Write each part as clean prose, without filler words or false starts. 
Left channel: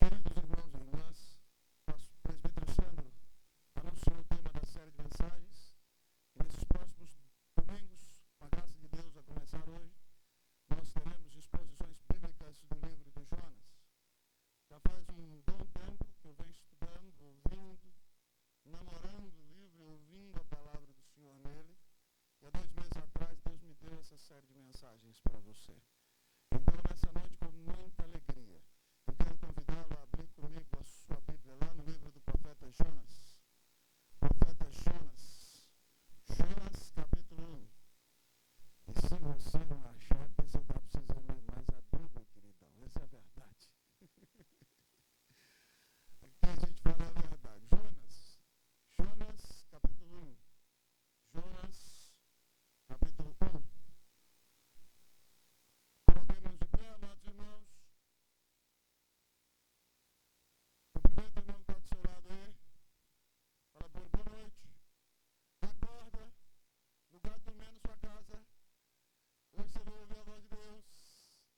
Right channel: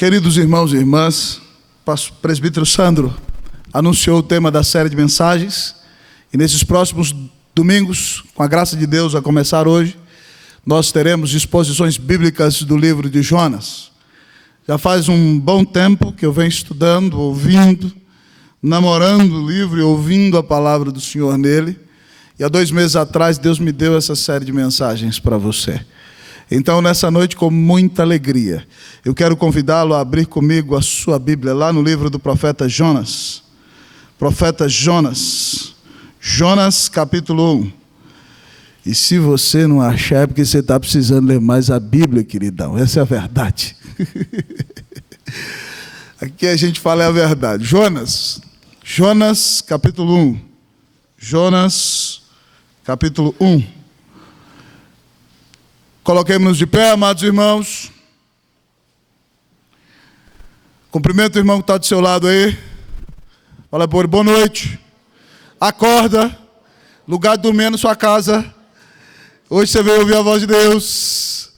Queridos irmãos e irmãs, o presbítero Sandro anunciou o tema da série de mensagens, e nesses próximos domingos, com a graça de Deus, a começar hoje, nós teremos exposições bíblicas do livro de Jonas. Já faz um bom tempo que eu venho estudando, ouvindo, namorando o livro e ouvindo a palavra do Senhor nele, e há 2 meses atrás Deus me deu essa série de mensagens para você. Então, nessa noite, com muita alegria, eu quero convidá-lo a abrir comigo a sua Bíblia, lá no livro do profeta Jonas. Profeta Jonas. Jonas, capítulo 1. E se você não achar, é porque você está precisando ler mais a Bíblia, queridão. Essa é a verdade. Aqui a gente fala a verdade. Jonas, capítulo 1. Jonas, capítulo 1. Coloquemos-nos de pé, amados irmãos. Cumprimento o irmão que está do seu lado aí. Fala por ele, boa noite. Acorda. Lugar de dormir na sua casa. Hoje você veio ouvir a voz de Deus.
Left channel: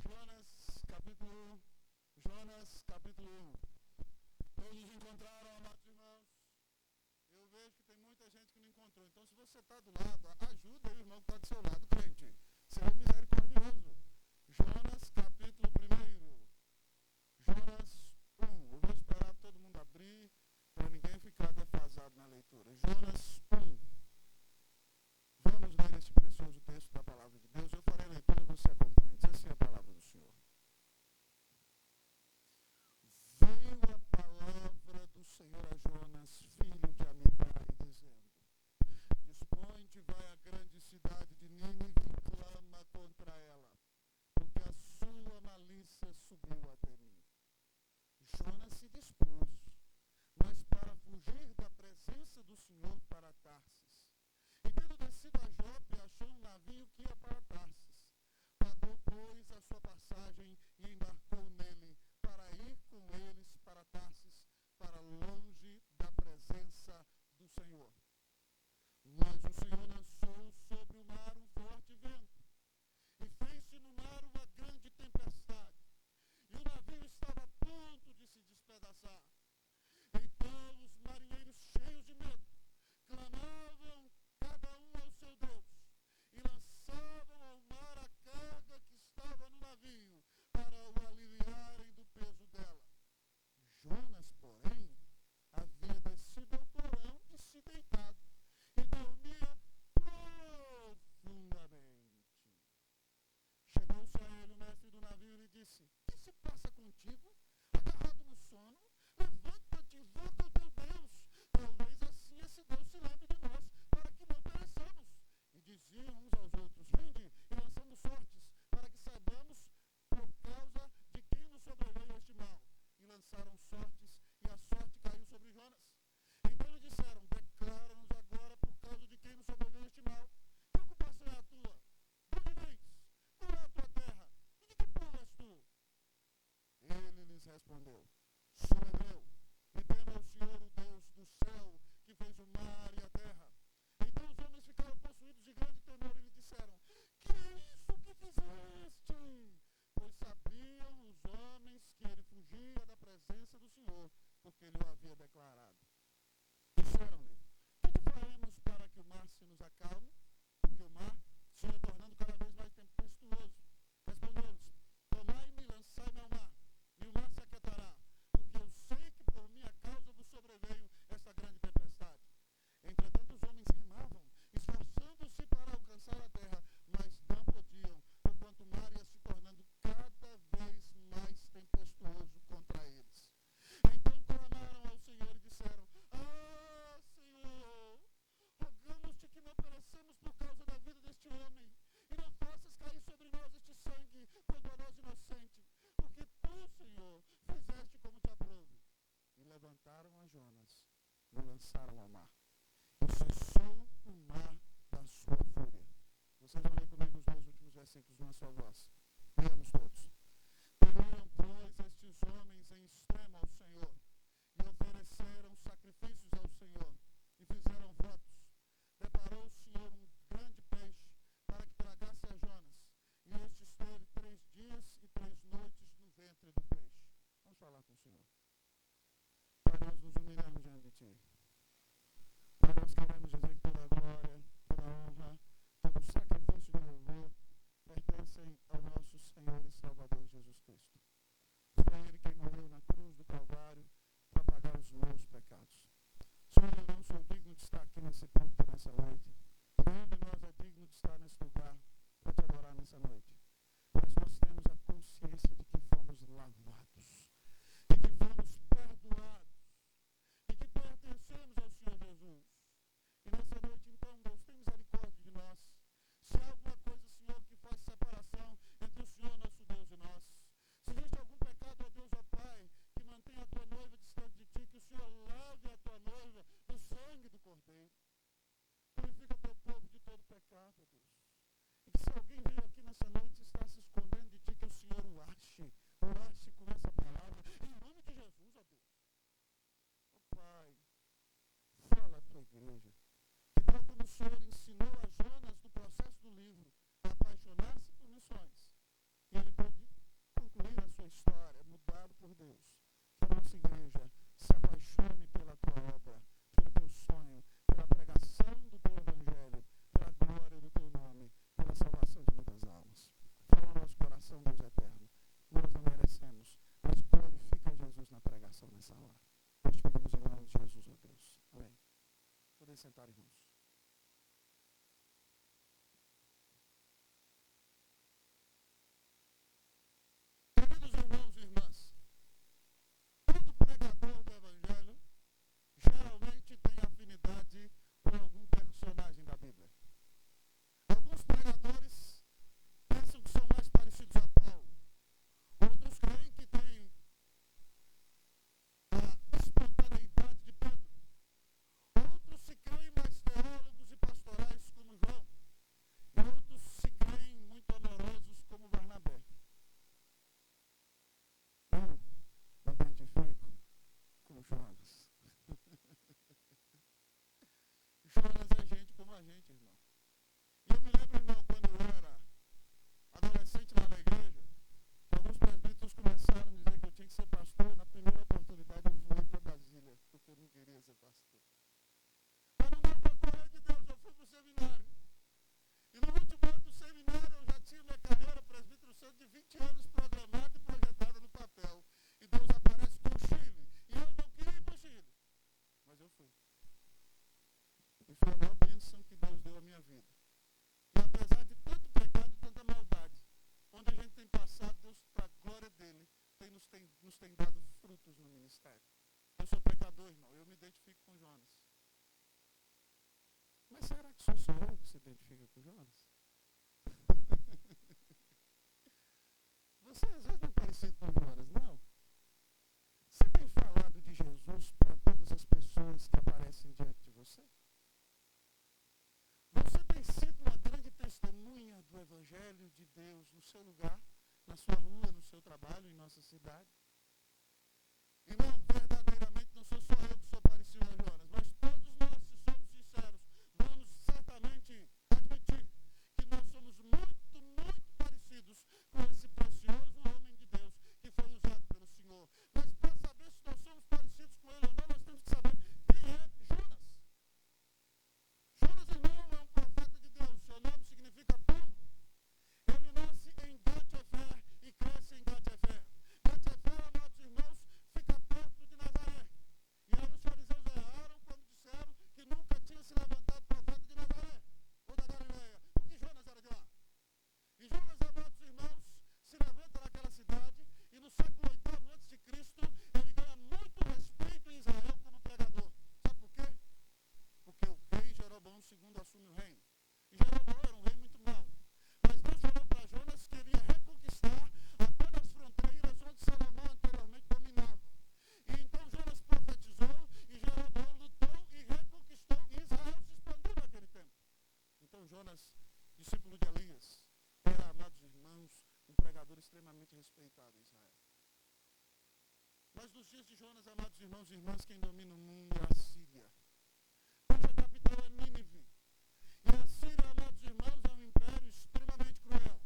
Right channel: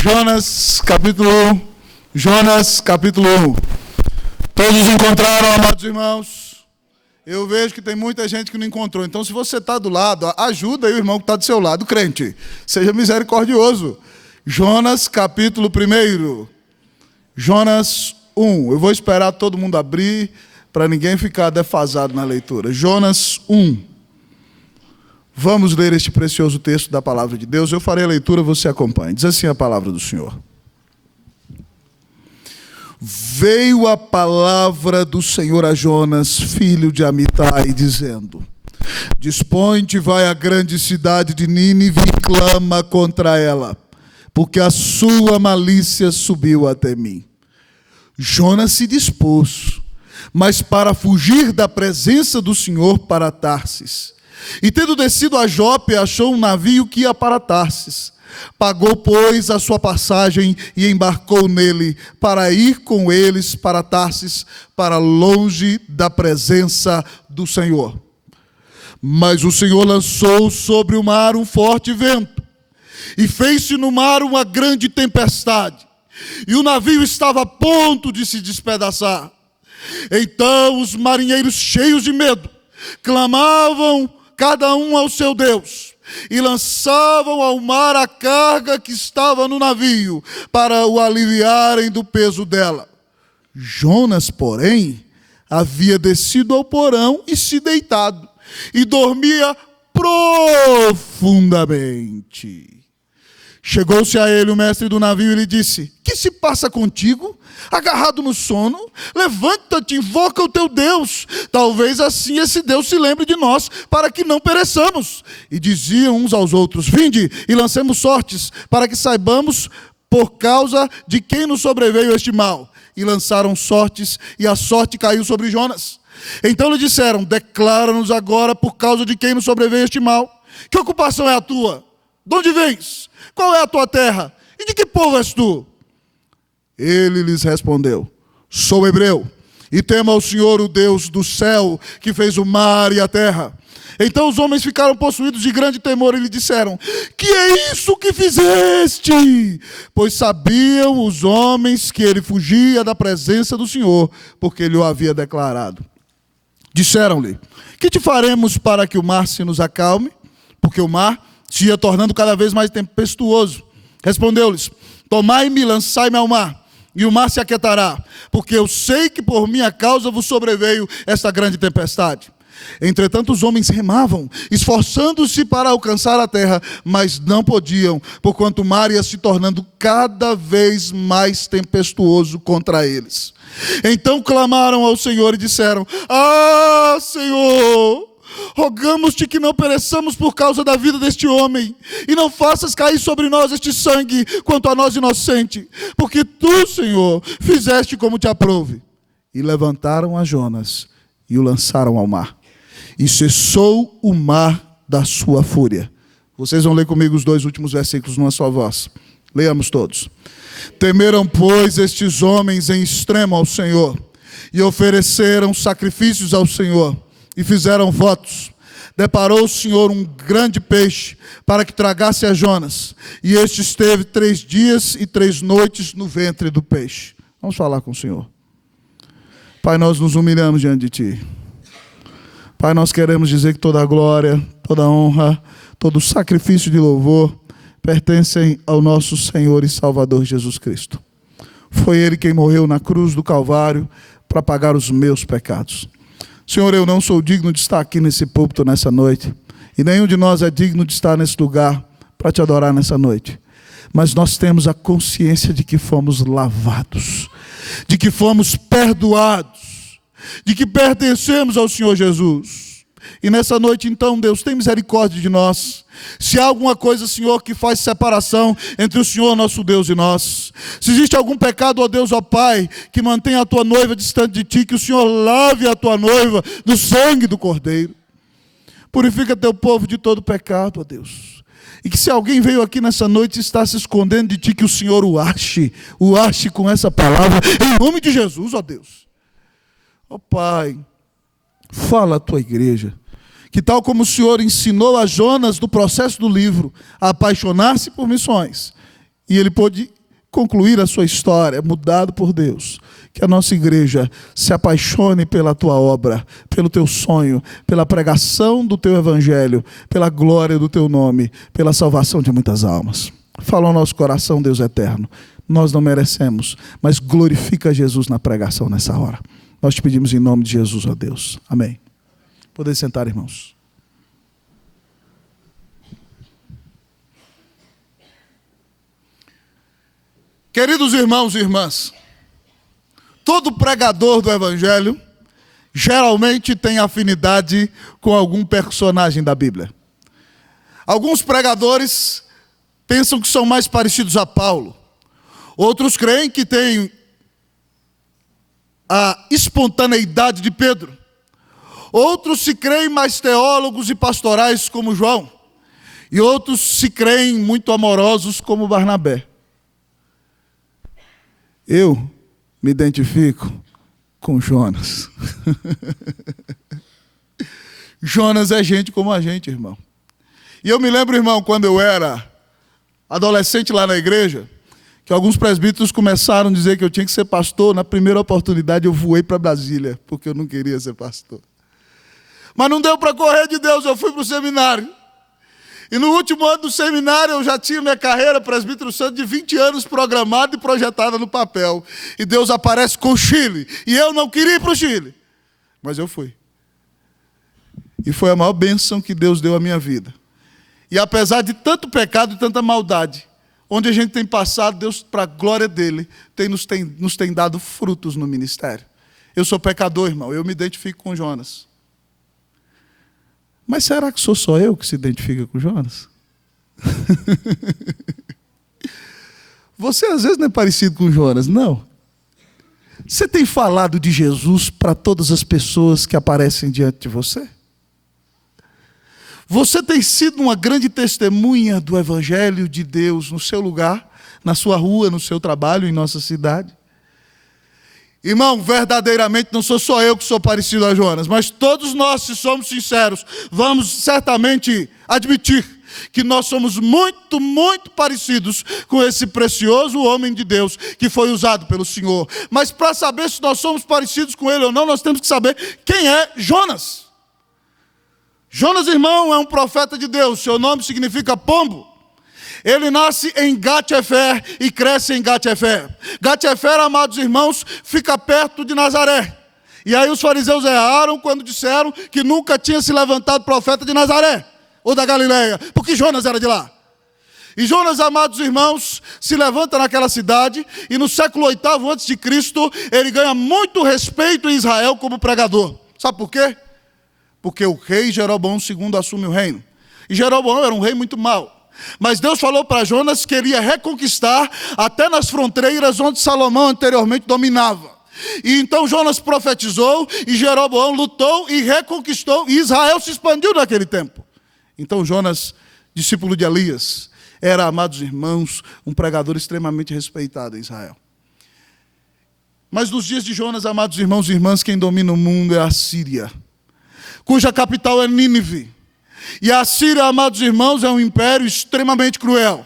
Jonas, capítulo 1. Jonas, capítulo 1. Todos encontraram, amados irmãos? Eu vejo que tem muita gente que não encontrou. Então, se você está do lado, ajuda aí o irmão que está do seu lado, crente. Seja misericordioso. Jonas, capítulo 1. Jonas 1. Eu vou esperar todo mundo abrir, para ninguém ficar defasado na leitura. Jonas 1. Vamos ler este precioso texto da palavra de Deus. Eu farei a leitura, você acompanha. Diz assim a palavra do Senhor. Veio a palavra do Senhor a Jonas, filho de Amitai, dizendo: Dispõe-te, vai à grande cidade de Nínive e clama contra ela, porque a sua malícia subiu até mim. Jonas se dispôs, mas para fugir da presença do Senhor para Tarsis. E tendo descido a Jope, achou um navio que ia para Tarsis. Pagou, pois, a sua passagem e embarcou nele para ir com eles para Tarsis, para longe da presença do Senhor. Mas o Senhor lançou sobre o mar um forte vento, e fez-se no mar uma grande tempestade, e o navio estava a ponto de se despedaçar. Então os marinheiros, cheios de medo, clamavam cada um ao seu Deus, e lançavam ao mar a carga que estava no navio, para o aliviarem do peso dela. Jonas, porém, havia descido ao porão e se deitado, e dormia profundamente. Chegou-se a ele o mestre do navio e lhe disse: Que se passa contigo? Agarrado no sono? Levanta-te, invoca o teu Deus. Talvez assim esse Deus se lembre de nós, para que não pereçamos. E diziam uns aos outros: Vinde e lancemos sortes, para que saibamos por causa de quem nos sobreveio este mal. E lançaram sortes, e a sorte caiu sobre Jonas. Então lhe disseram: Declara-nos agora por causa de quem nos sobreveio este mal. Que ocupação é a tua? De onde vens? Qual é a tua terra? E de que povo és tu? Ele lhes respondeu: Sou hebreu, e temo ao Senhor, o Deus do céu, que fez o mar e a terra. Então os homens ficaram possuídos de grande temor e lhe disseram: Que é isso que fizeste? Pois sabiam os homens que ele fugia da presença do Senhor, porque ele o havia declarado. Disseram-lhe: Que te faremos para que o mar se nos acalme? Porque o mar se ia tornando cada vez mais tempestuoso. Respondeu-lhes: Tomai-me e lançai-me ao mar, e o mar se aquietará, porque eu sei que por minha causa vos sobreveio esta grande tempestade. Entretanto os homens remavam, esforçando-se para alcançar a terra, mas não podiam, porquanto o mar ia se tornando cada vez mais tempestuoso contra eles. Então clamaram ao Senhor e disseram: Ah, Senhor, rogamos-te que não pereçamos por causa da vida deste homem, e não faças cair sobre nós este sangue quanto a nós inocente, porque tu, Senhor, fizeste como te aprouve. E levantaram a Jonas e o lançaram ao mar, e cessou o mar da sua fúria. Vocês vão ler comigo os 2 últimos versículos numa só voz. Leamos todos. Temeram, pois, estes homens em extremo ao Senhor, e ofereceram sacrifícios ao Senhor, e fizeram votos. Deparou o Senhor um grande peixe para que tragasse a Jonas, e este esteve 3 dias e 3 noites no ventre do peixe. Vamos falar com o Senhor. Pai, nós nos humilhamos diante de Ti. Pai, nós queremos dizer que toda a glória, toda a honra, todo o sacrifício de louvor pertencem ao nosso Senhor e Salvador Jesus Cristo. Foi Ele quem morreu na cruz do Calvário para pagar os meus pecados. Senhor, eu não sou digno de estar aqui nesse púlpito nessa noite, e nenhum de nós é digno de estar nesse lugar para Te adorar nessa noite. Mas nós temos a consciência de que fomos lavados, de que fomos perdoados, de que pertencemos ao Senhor Jesus. E nessa noite, então, Deus, tem misericórdia de nós. Se há alguma coisa, Senhor, que faz separação entre o Senhor, nosso Deus, e nós, se existe algum pecado, ó Deus, ó Pai, que mantenha a Tua noiva distante de Ti, que o Senhor lave a Tua noiva do sangue do Cordeiro. Purifica Teu povo de todo pecado, ó Deus. E que se alguém veio aqui nessa noite e está se escondendo de Ti, que o Senhor o ache com essa palavra, em nome de Jesus, ó Deus. Ó Pai, fala à Tua igreja, que tal como o Senhor ensinou a Jonas no processo do livro, a apaixonar-se por missões, e ele pôde concluir a sua história, mudado por Deus, que a nossa igreja se apaixone pela Tua obra, pelo Teu sonho, pela pregação do Teu evangelho, pela glória do Teu nome, pela salvação de muitas almas. Fala ao nosso coração, Deus eterno, nós não merecemos, mas glorifica Jesus na pregação nessa hora. Nós Te pedimos em nome de Jesus, ó Deus. Amém. Podem sentar, irmãos. Queridos irmãos e irmãs, todo pregador do Evangelho geralmente tem afinidade com algum personagem da Bíblia. Alguns pregadores pensam que são mais parecidos a Paulo. Outros creem que têm a espontaneidade de Pedro. Outros se creem mais teólogos e pastorais como João. E outros se creem muito amorosos como Barnabé. Eu me identifico com Jonas. Jonas é gente como a gente, irmão. E eu me lembro, irmão, quando eu era adolescente lá na igreja, que alguns presbíteros começaram a dizer que eu tinha que ser pastor. Na primeira oportunidade eu voei para Brasília, porque eu não queria ser pastor. Mas não deu para correr de Deus, eu fui para o seminário. E no último ano do seminário eu já tinha minha carreira, presbítero santo, de 20 anos programada e projetada no papel. E Deus aparece com o Chile. E eu não queria ir para o Chile. Mas eu fui. E foi a maior bênção que Deus deu à minha vida. E apesar de tanto pecado e tanta maldade, onde a gente tem passado, Deus, para a glória dEle, nos tem dado frutos no ministério. Eu sou pecador, irmão, eu me identifico com Jonas. Mas será que sou só eu que se identifica com Jonas? Você às vezes não é parecido com Jonas, não. Você tem falado de Jesus para todas as pessoas que aparecem diante de você? Você tem sido uma grande testemunha do Evangelho de Deus no seu lugar, na sua rua, no seu trabalho, em nossa cidade? Irmão, verdadeiramente não sou só eu que sou parecido a Jonas, mas todos nós, se somos sinceros, vamos certamente admitir que nós somos muito, muito parecidos com esse precioso homem de Deus que foi usado pelo Senhor. Mas para saber se nós somos parecidos com ele ou não, nós temos que saber quem é Jonas. Jonas, irmão, é um profeta de Deus, seu nome significa pombo. Ele nasce em Gat-Hefer e cresce em Gat-Hefer. Gat-Hefer, amados irmãos, fica perto de Nazaré. E aí os fariseus erraram quando disseram que nunca tinha se levantado profeta de Nazaré, ou da Galileia, porque Jonas era de lá. E Jonas, amados irmãos, se levanta naquela cidade, e no século 8º a.C., ele ganha muito respeito em Israel como pregador. Sabe por quê? Porque o rei Jeroboão II assume o reino. E Jeroboão era um rei muito mau. Mas Deus falou para Jonas que ele ia reconquistar até nas fronteiras onde Salomão anteriormente dominava. E então Jonas profetizou, e Jeroboão lutou e reconquistou, e Israel se expandiu naquele tempo. Então Jonas, discípulo de Elias, era, amados irmãos, um pregador extremamente respeitado em Israel. Mas nos dias de Jonas, amados irmãos e irmãs, quem domina o mundo é a Síria, cuja capital é Nínive. E a Síria, amados irmãos, é um império extremamente cruel,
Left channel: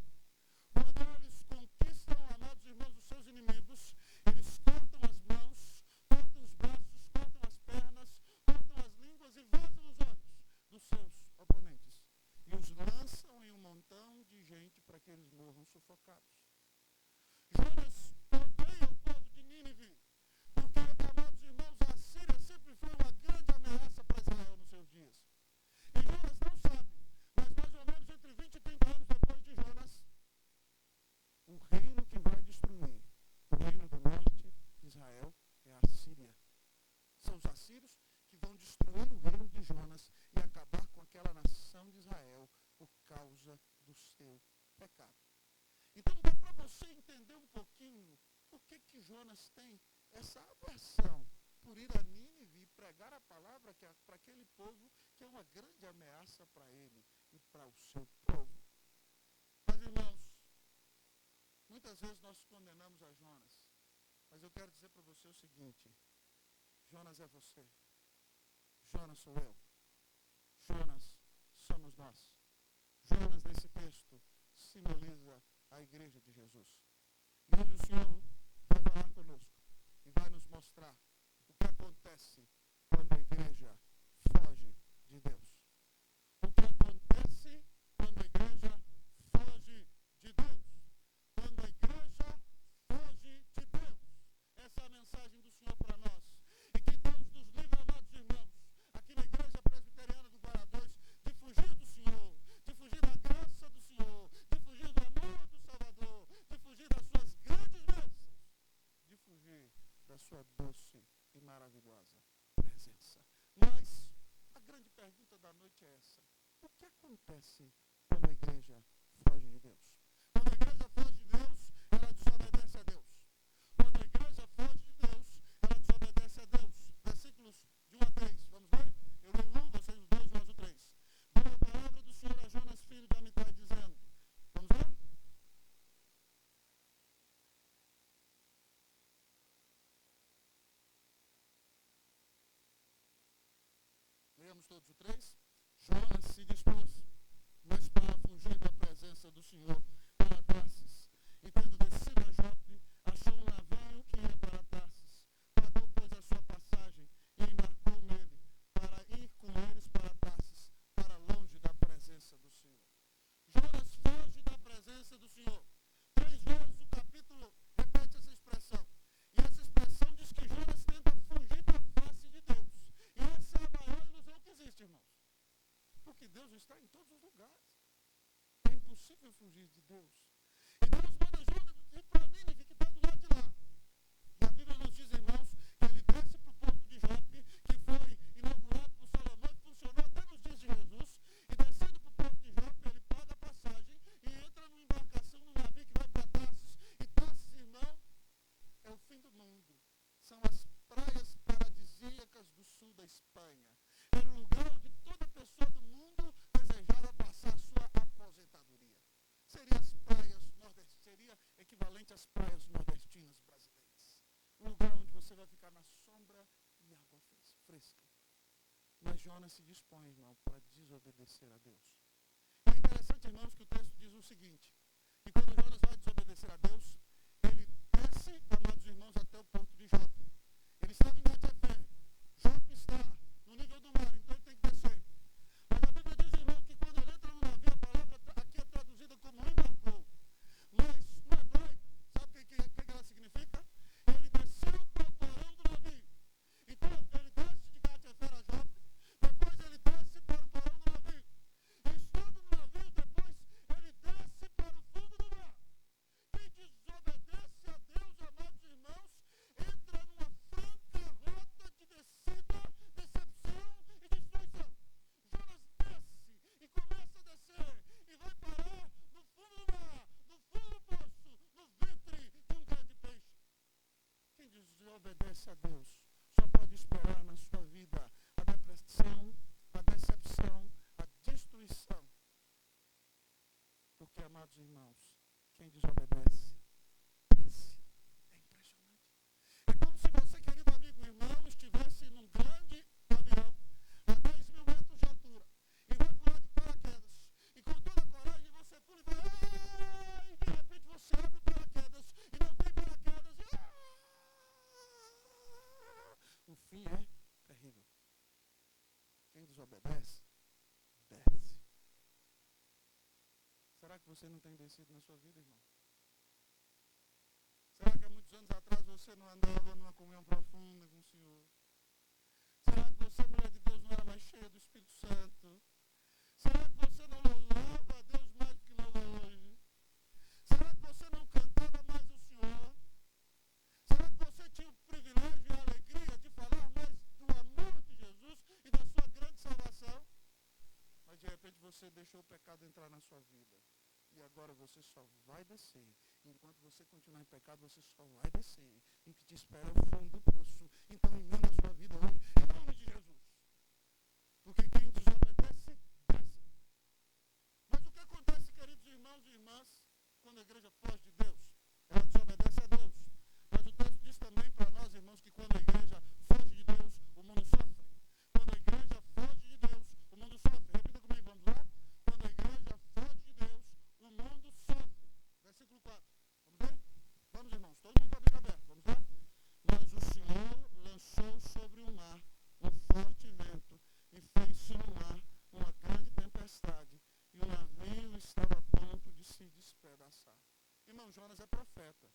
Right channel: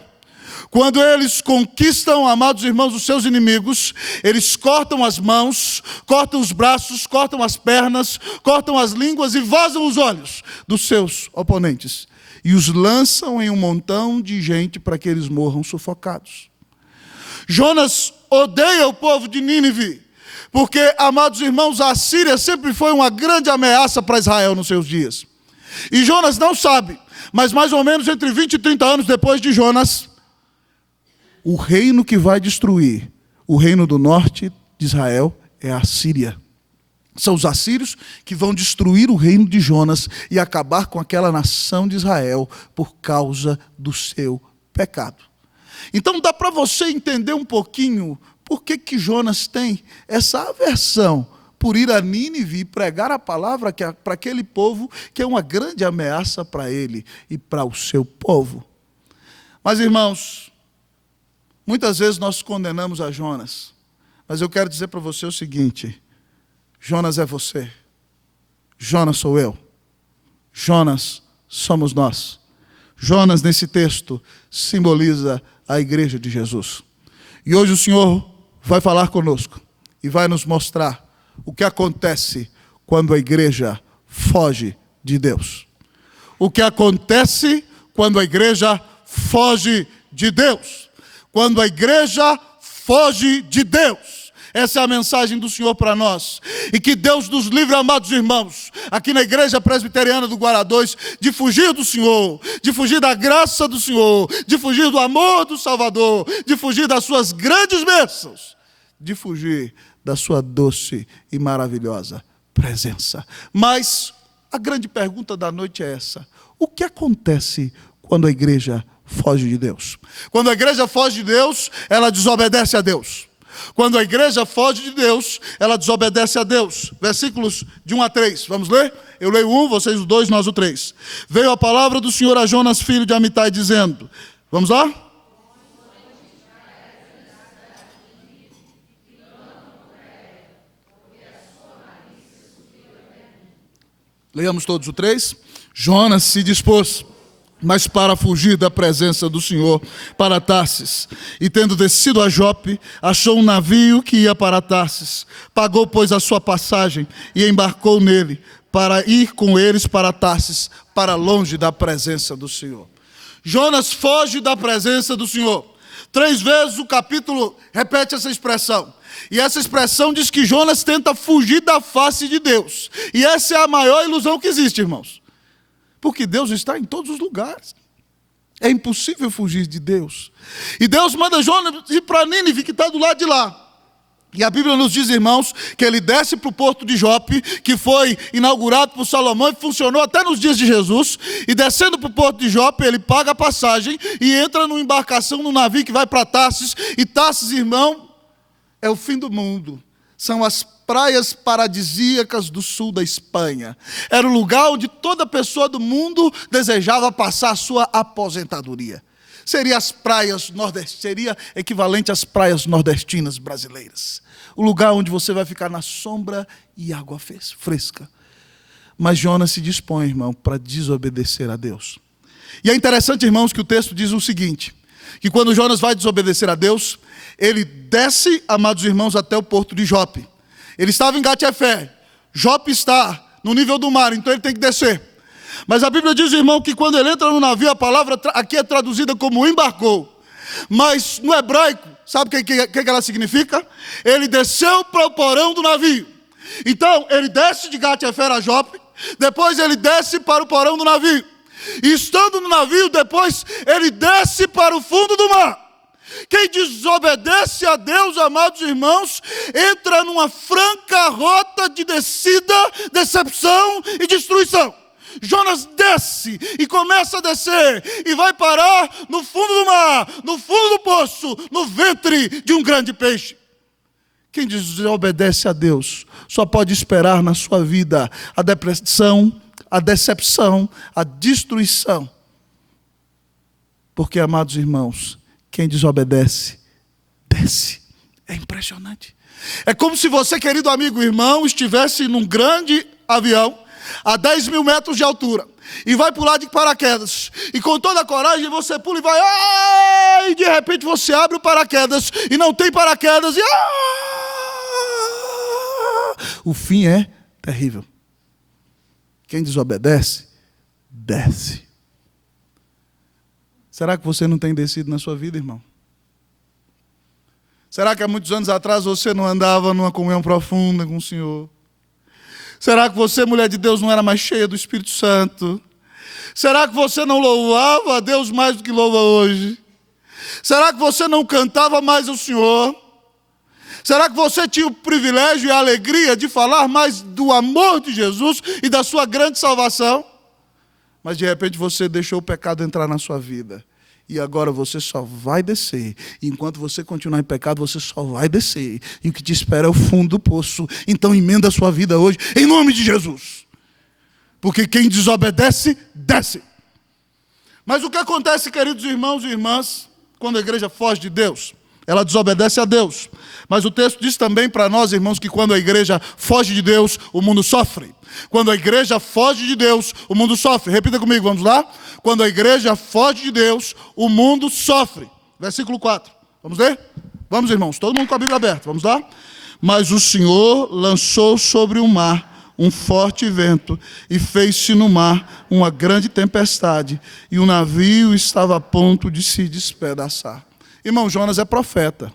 Quando eles conquistam, amados irmãos, os seus inimigos, eles cortam as mãos, cortam os braços, cortam as pernas, cortam as línguas e vazam os olhos dos seus oponentes. E os lançam em um montão de gente para que eles morram sufocados. Jonas odeia o povo de Nínive, porque, amados irmãos, a Assíria sempre foi uma grande ameaça para Israel nos seus dias. E Jonas não sabe, mas mais ou menos entre 20 e 30 anos depois de Jonas, o reino que vai destruir o reino do norte de Israel é a Assíria. São os assírios que vão destruir o reino de Jonas e acabar com aquela nação de Israel por causa do seu pecado. Então dá para você entender um pouquinho por que Jonas tem essa aversão por ir a Nínive e pregar a palavra para aquele povo que é uma grande ameaça para ele e para o seu povo. Mas, irmãos, muitas vezes nós condenamos a Jonas, mas eu quero dizer para você o seguinte: Jonas é você, Jonas sou eu, Jonas somos nós. Jonas, nesse texto, simboliza a igreja de Jesus. E hoje o Senhor vai falar conosco e vai nos mostrar o que acontece quando a igreja foge de Deus. O que acontece quando a igreja foge de Deus. Quando a igreja foge de Deus. Essa é a mensagem do Senhor para nós. E que Deus nos livre, amados irmãos, aqui na Igreja Presbiteriana do Guará 2, de fugir do Senhor, de fugir da graça do Senhor, de fugir do amor do Salvador, de fugir das suas grandes bênçãos, de fugir da sua doce e maravilhosa presença. Mas a grande pergunta da noite é essa: o que acontece quando a igreja foge de Deus? Quando a igreja foge de Deus, ela desobedece a Deus. Quando a igreja foge de Deus, ela desobedece a Deus. Versículos de 1 a 3. Vamos ler? Eu leio o 1, vocês o 2, nós o 3. Veio a palavra do Senhor a Jonas, filho de Amitai, dizendo... Vamos lá? Leamos todos o 3. Jonas se dispôs, mas para fugir da presença do Senhor, para Tarsis. E tendo descido a Jope, achou um navio que ia para Tarsis. Pagou, pois, a sua passagem e embarcou nele, para ir com eles para Tarsis, para longe da presença do Senhor. Jonas foge da presença do Senhor. 3 vezes o capítulo repete essa expressão. E essa expressão diz que Jonas tenta fugir da face de Deus. E essa é a maior ilusão que existe, irmãos. Porque Deus está em todos os lugares. É impossível fugir de Deus. E Deus manda Jonas ir para Nínive, que está do lado de lá. E a Bíblia nos diz, irmãos, que ele desce para o porto de Jope, que foi inaugurado por Salomão e funcionou até nos dias de Jesus. E descendo para o porto de Jope, ele paga a passagem e entra numa embarcação, num navio que vai para Tarsis. E Tarsis, irmão, é o fim do mundo. São as praias paradisíacas do sul da Espanha. Era o lugar onde toda pessoa do mundo desejava passar a sua aposentadoria. Seria equivalente às praias nordestinas brasileiras. O lugar onde você vai ficar na sombra e água fresca. Mas Jonas se dispõe, irmão, para desobedecer a Deus. E é interessante, irmãos, que o texto diz o seguinte, que quando Jonas vai desobedecer a Deus, ele desce, amados irmãos, até o porto de Jope. Ele estava em Gat-Efé. Jope está no nível do mar, então ele tem que descer. Mas a Bíblia diz, irmão, que quando ele entra no navio, a palavra aqui é traduzida como embarcou. Mas no hebraico, sabe o que ela significa? Ele desceu para o porão do navio. Então, ele desce de Gat-Efé a Jope, depois ele desce para o porão do navio. E estando no navio, depois ele desce para o fundo do mar. Quem desobedece a Deus, amados irmãos, entra numa franca rota de descida, decepção e destruição. Jonas desce e começa a descer e vai parar no fundo do mar, no fundo do poço, no ventre de um grande peixe. Quem desobedece a Deus só pode esperar na sua vida a depressão, a decepção, a destruição. Porque, amados irmãos, quem desobedece, desce. É impressionante. É como se você, querido amigo irmão, estivesse num grande avião, a 10 mil metros de altura e vai pular de paraquedas, e com toda a coragem você pula e vai, e de repente você abre o paraquedas e não tem paraquedas, e o fim é terrível. Quem desobedece, desce. Será que você não tem descido na sua vida, irmão? Será que há muitos anos atrás você não andava numa comunhão profunda com o Senhor? Será que você, mulher de Deus, não era mais cheia do Espírito Santo? Será que você não louvava a Deus mais do que louva hoje? Será que você não cantava mais ao Senhor? Será que você tinha o privilégio e a alegria de falar mais do amor de Jesus e da sua grande salvação? Mas de repente você deixou o pecado entrar na sua vida. E agora você só vai descer. E enquanto você continuar em pecado, você só vai descer. E o que te espera é o fundo do poço. Então emenda a sua vida hoje, em nome de Jesus. Porque quem desobedece, desce. Mas o que acontece, queridos irmãos e irmãs, quando a igreja foge de Deus? Ela desobedece a Deus. Mas o texto diz também para nós, irmãos, que quando a igreja foge de Deus, o mundo sofre. Quando a igreja foge de Deus, o mundo sofre. Repita comigo, vamos lá? Quando a igreja foge de Deus, o mundo sofre. Versículo 4. Vamos ler? Vamos, irmãos, todo mundo com a Bíblia aberta. Vamos lá? Mas o Senhor lançou sobre o mar um forte vento e fez-se no mar uma grande tempestade, e o navio estava a ponto de se despedaçar. Irmão, Jonas é profeta.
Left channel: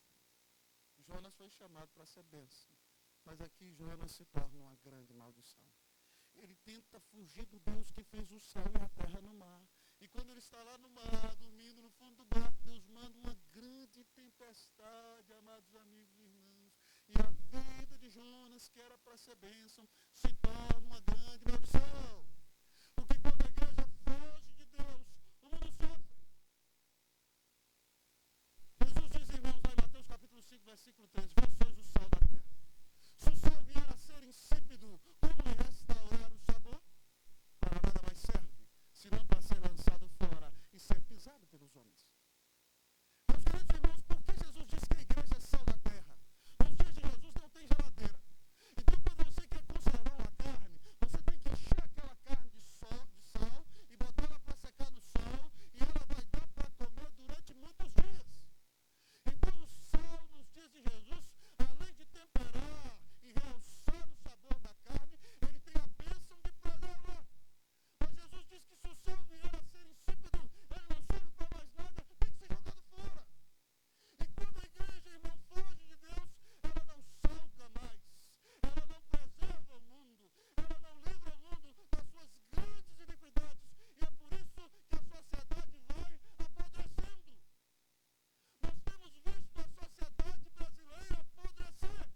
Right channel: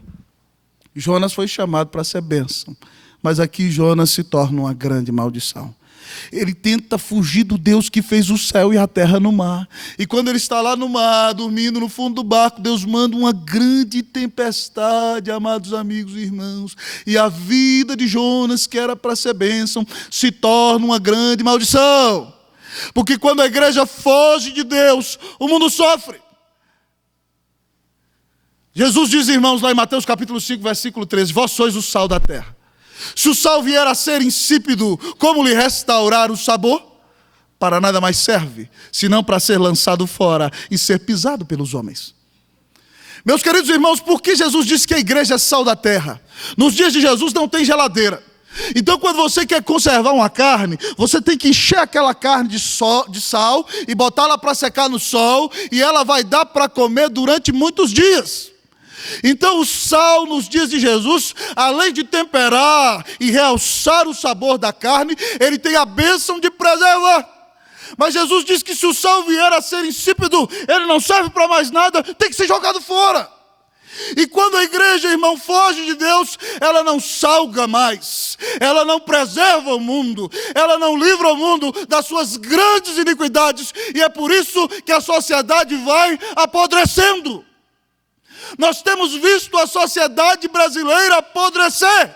Jonas foi chamado para ser bênção. Mas aqui Jonas se torna uma grande maldição. Ele tenta fugir do Deus que fez o céu e a terra no mar. E quando ele está lá no mar, dormindo no fundo do barco, Deus manda uma grande tempestade, amados amigos e irmãos. E a vida de Jonas, que era para ser bênção, se torna uma grande maldição. Porque quando a igreja foge de Deus, o mundo sofre. Jesus diz, irmãos, lá em Mateus capítulo 5, versículo 13, vós sois o sal da terra. Se o sal vier a ser insípido, como lhe restaurar o sabor? Para nada mais serve, senão para ser lançado fora e ser pisado pelos homens. Meus queridos irmãos, por que Jesus disse que a igreja é sal da terra? Nos dias de Jesus não tem geladeira. Então quando você quer conservar uma carne, você tem que encher aquela carne de sal e botá-la para secar no sol, e ela vai dar para comer durante muitos dias. Então o sal nos dias de Jesus, além de temperar e realçar o sabor da carne, ele tem a bênção de preservar. Mas Jesus diz que se o sal vier a ser insípido, ele não serve para mais nada, tem que ser jogado fora. E quando a igreja, irmão, foge de Deus, ela não salga mais, ela não preserva o mundo, ela não livra o mundo das suas grandes iniquidades, e é por isso que a sociedade vai apodrecendo. Nós temos visto a sociedade brasileira apodrecer.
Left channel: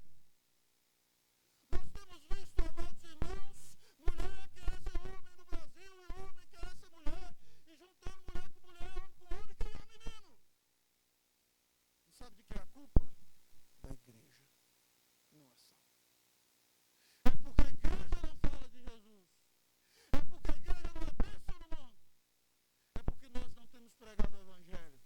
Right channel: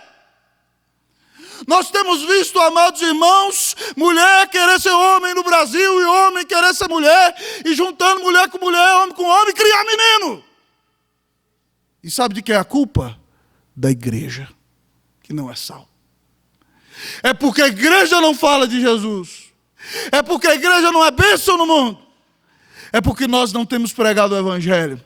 Nós temos visto, amados irmãos, mulher querer ser homem no Brasil e homem querer ser mulher, e juntando mulher, homem com homem, criar menino. E sabe de que é a culpa? Da igreja, que não é sal. É porque a igreja não fala de Jesus. É porque a igreja não é bênção no mundo. É porque nós não temos pregado o evangelho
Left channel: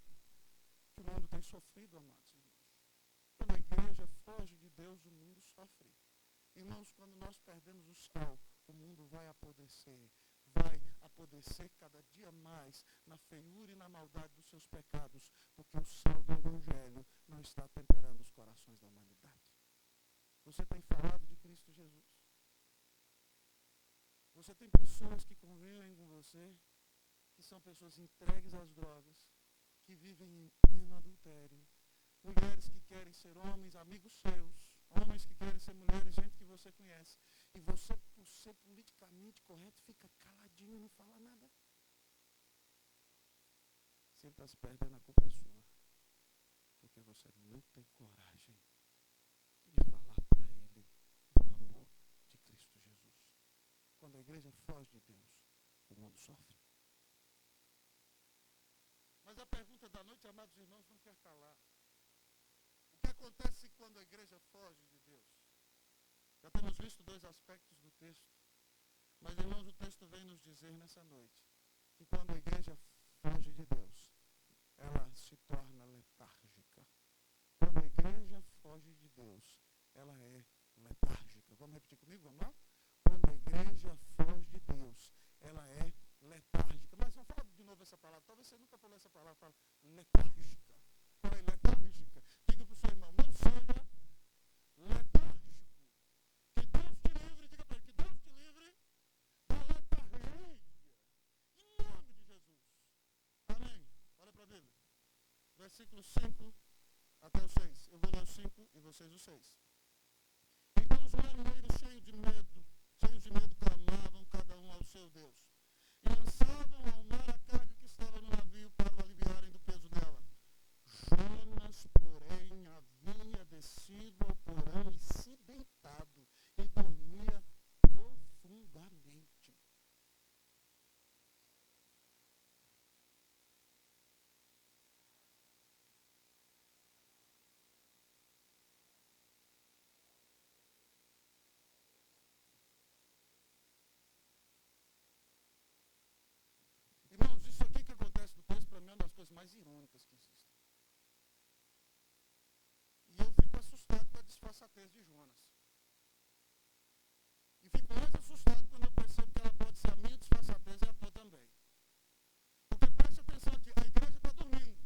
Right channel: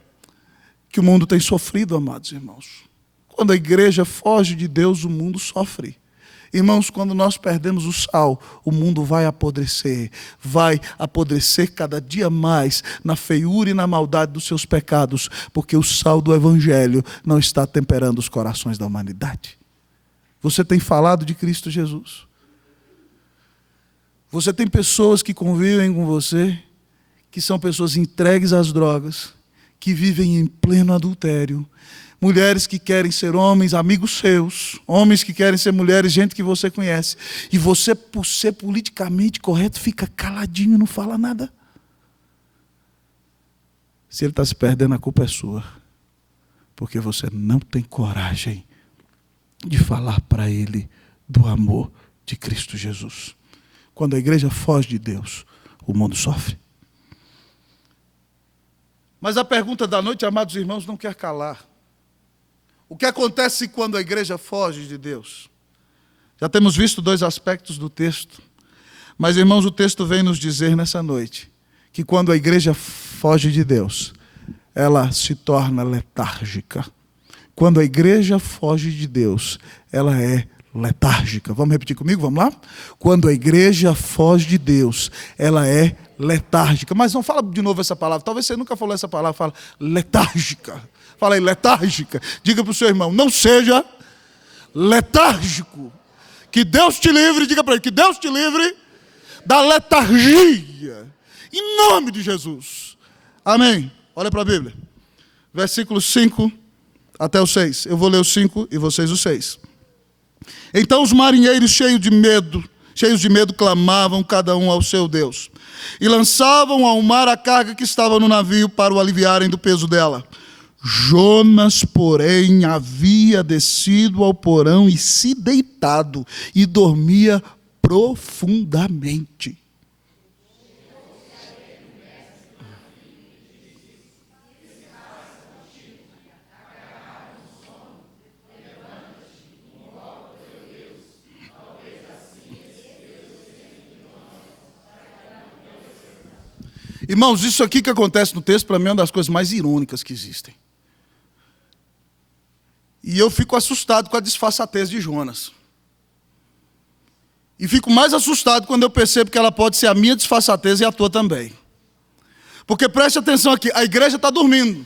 que o mundo tem sofrido, amados irmãos. Quando a igreja foge de Deus, o mundo sofre. Irmãos, quando nós perdemos o sal, o mundo vai apodrecer cada dia mais na feiura e na maldade dos seus pecados, porque o sal do evangelho não está temperando os corações da humanidade. Você tem falado de Cristo Jesus? Você tem pessoas que convivem com você, que são pessoas entregues às drogas, que vivem em pleno adultério, mulheres que querem ser homens, amigos seus, homens que querem ser mulheres, gente que você conhece, e você, por ser politicamente correto, fica caladinho e não fala nada. Se ele está se perdendo, a culpa é sua, porque você não tem coragem de falar para ele do amor de Cristo Jesus. Quando a igreja foge de Deus, o mundo sofre. Mas a pergunta da noite, amados irmãos, não quer calar. O que acontece quando a igreja foge de Deus? Já temos visto dois aspectos do texto. Mas, irmãos, o texto vem nos dizer nessa noite que quando a igreja foge de Deus, ela se torna letárgica. Quando a igreja foge de Deus, ela é letárgica. Vamos repetir comigo? Vamos lá? Quando a igreja foge de Deus, ela é letárgica. Mas não fala de novo essa palavra. Talvez você nunca falou essa palavra. Fala letárgica. Fala aí, letárgica. Diga para o seu irmão, não seja letárgico. Que Deus te livre, diga para ele, que Deus te livre da letargia. Em nome de Jesus. Amém. Olha para a Bíblia. Versículos 5 até o 6. Eu vou ler o 5 e vocês o 6. Então os marinheiros cheios de medo, clamavam cada um ao seu Deus. E lançavam ao mar a carga que estava no navio para o aliviarem do peso dela. Jonas, porém, havia descido ao porão e se deitado e dormia profundamente. Irmãos, isso aqui que acontece no texto, para mim, é uma das coisas mais irônicas que existem. E eu fico assustado com a disfarçatez de Jonas. E fico mais assustado quando eu percebo que ela pode ser a minha disfarçatez e a tua também. Porque preste atenção aqui, a igreja está dormindo.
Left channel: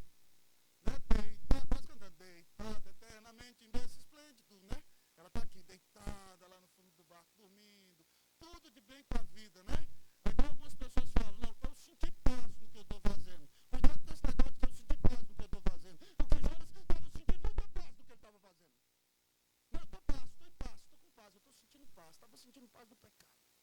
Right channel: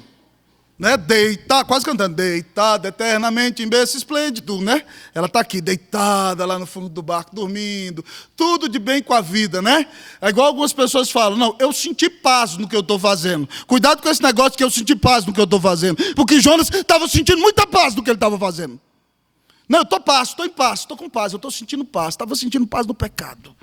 Né? Deitada, quase cantando, deitada eternamente em berço esplêndido, né? Ela está aqui, deitada lá no fundo do barco, dormindo, tudo de bem com a vida, né? É igual algumas pessoas falam, não, eu senti paz no que eu estou fazendo. Cuidado com esse negócio que eu senti paz no que eu estou fazendo. Porque Jonas estava sentindo muita paz no que ele estava fazendo. Não, eu estou em paz, estou com paz, eu estou sentindo paz, estava sentindo paz no pecado.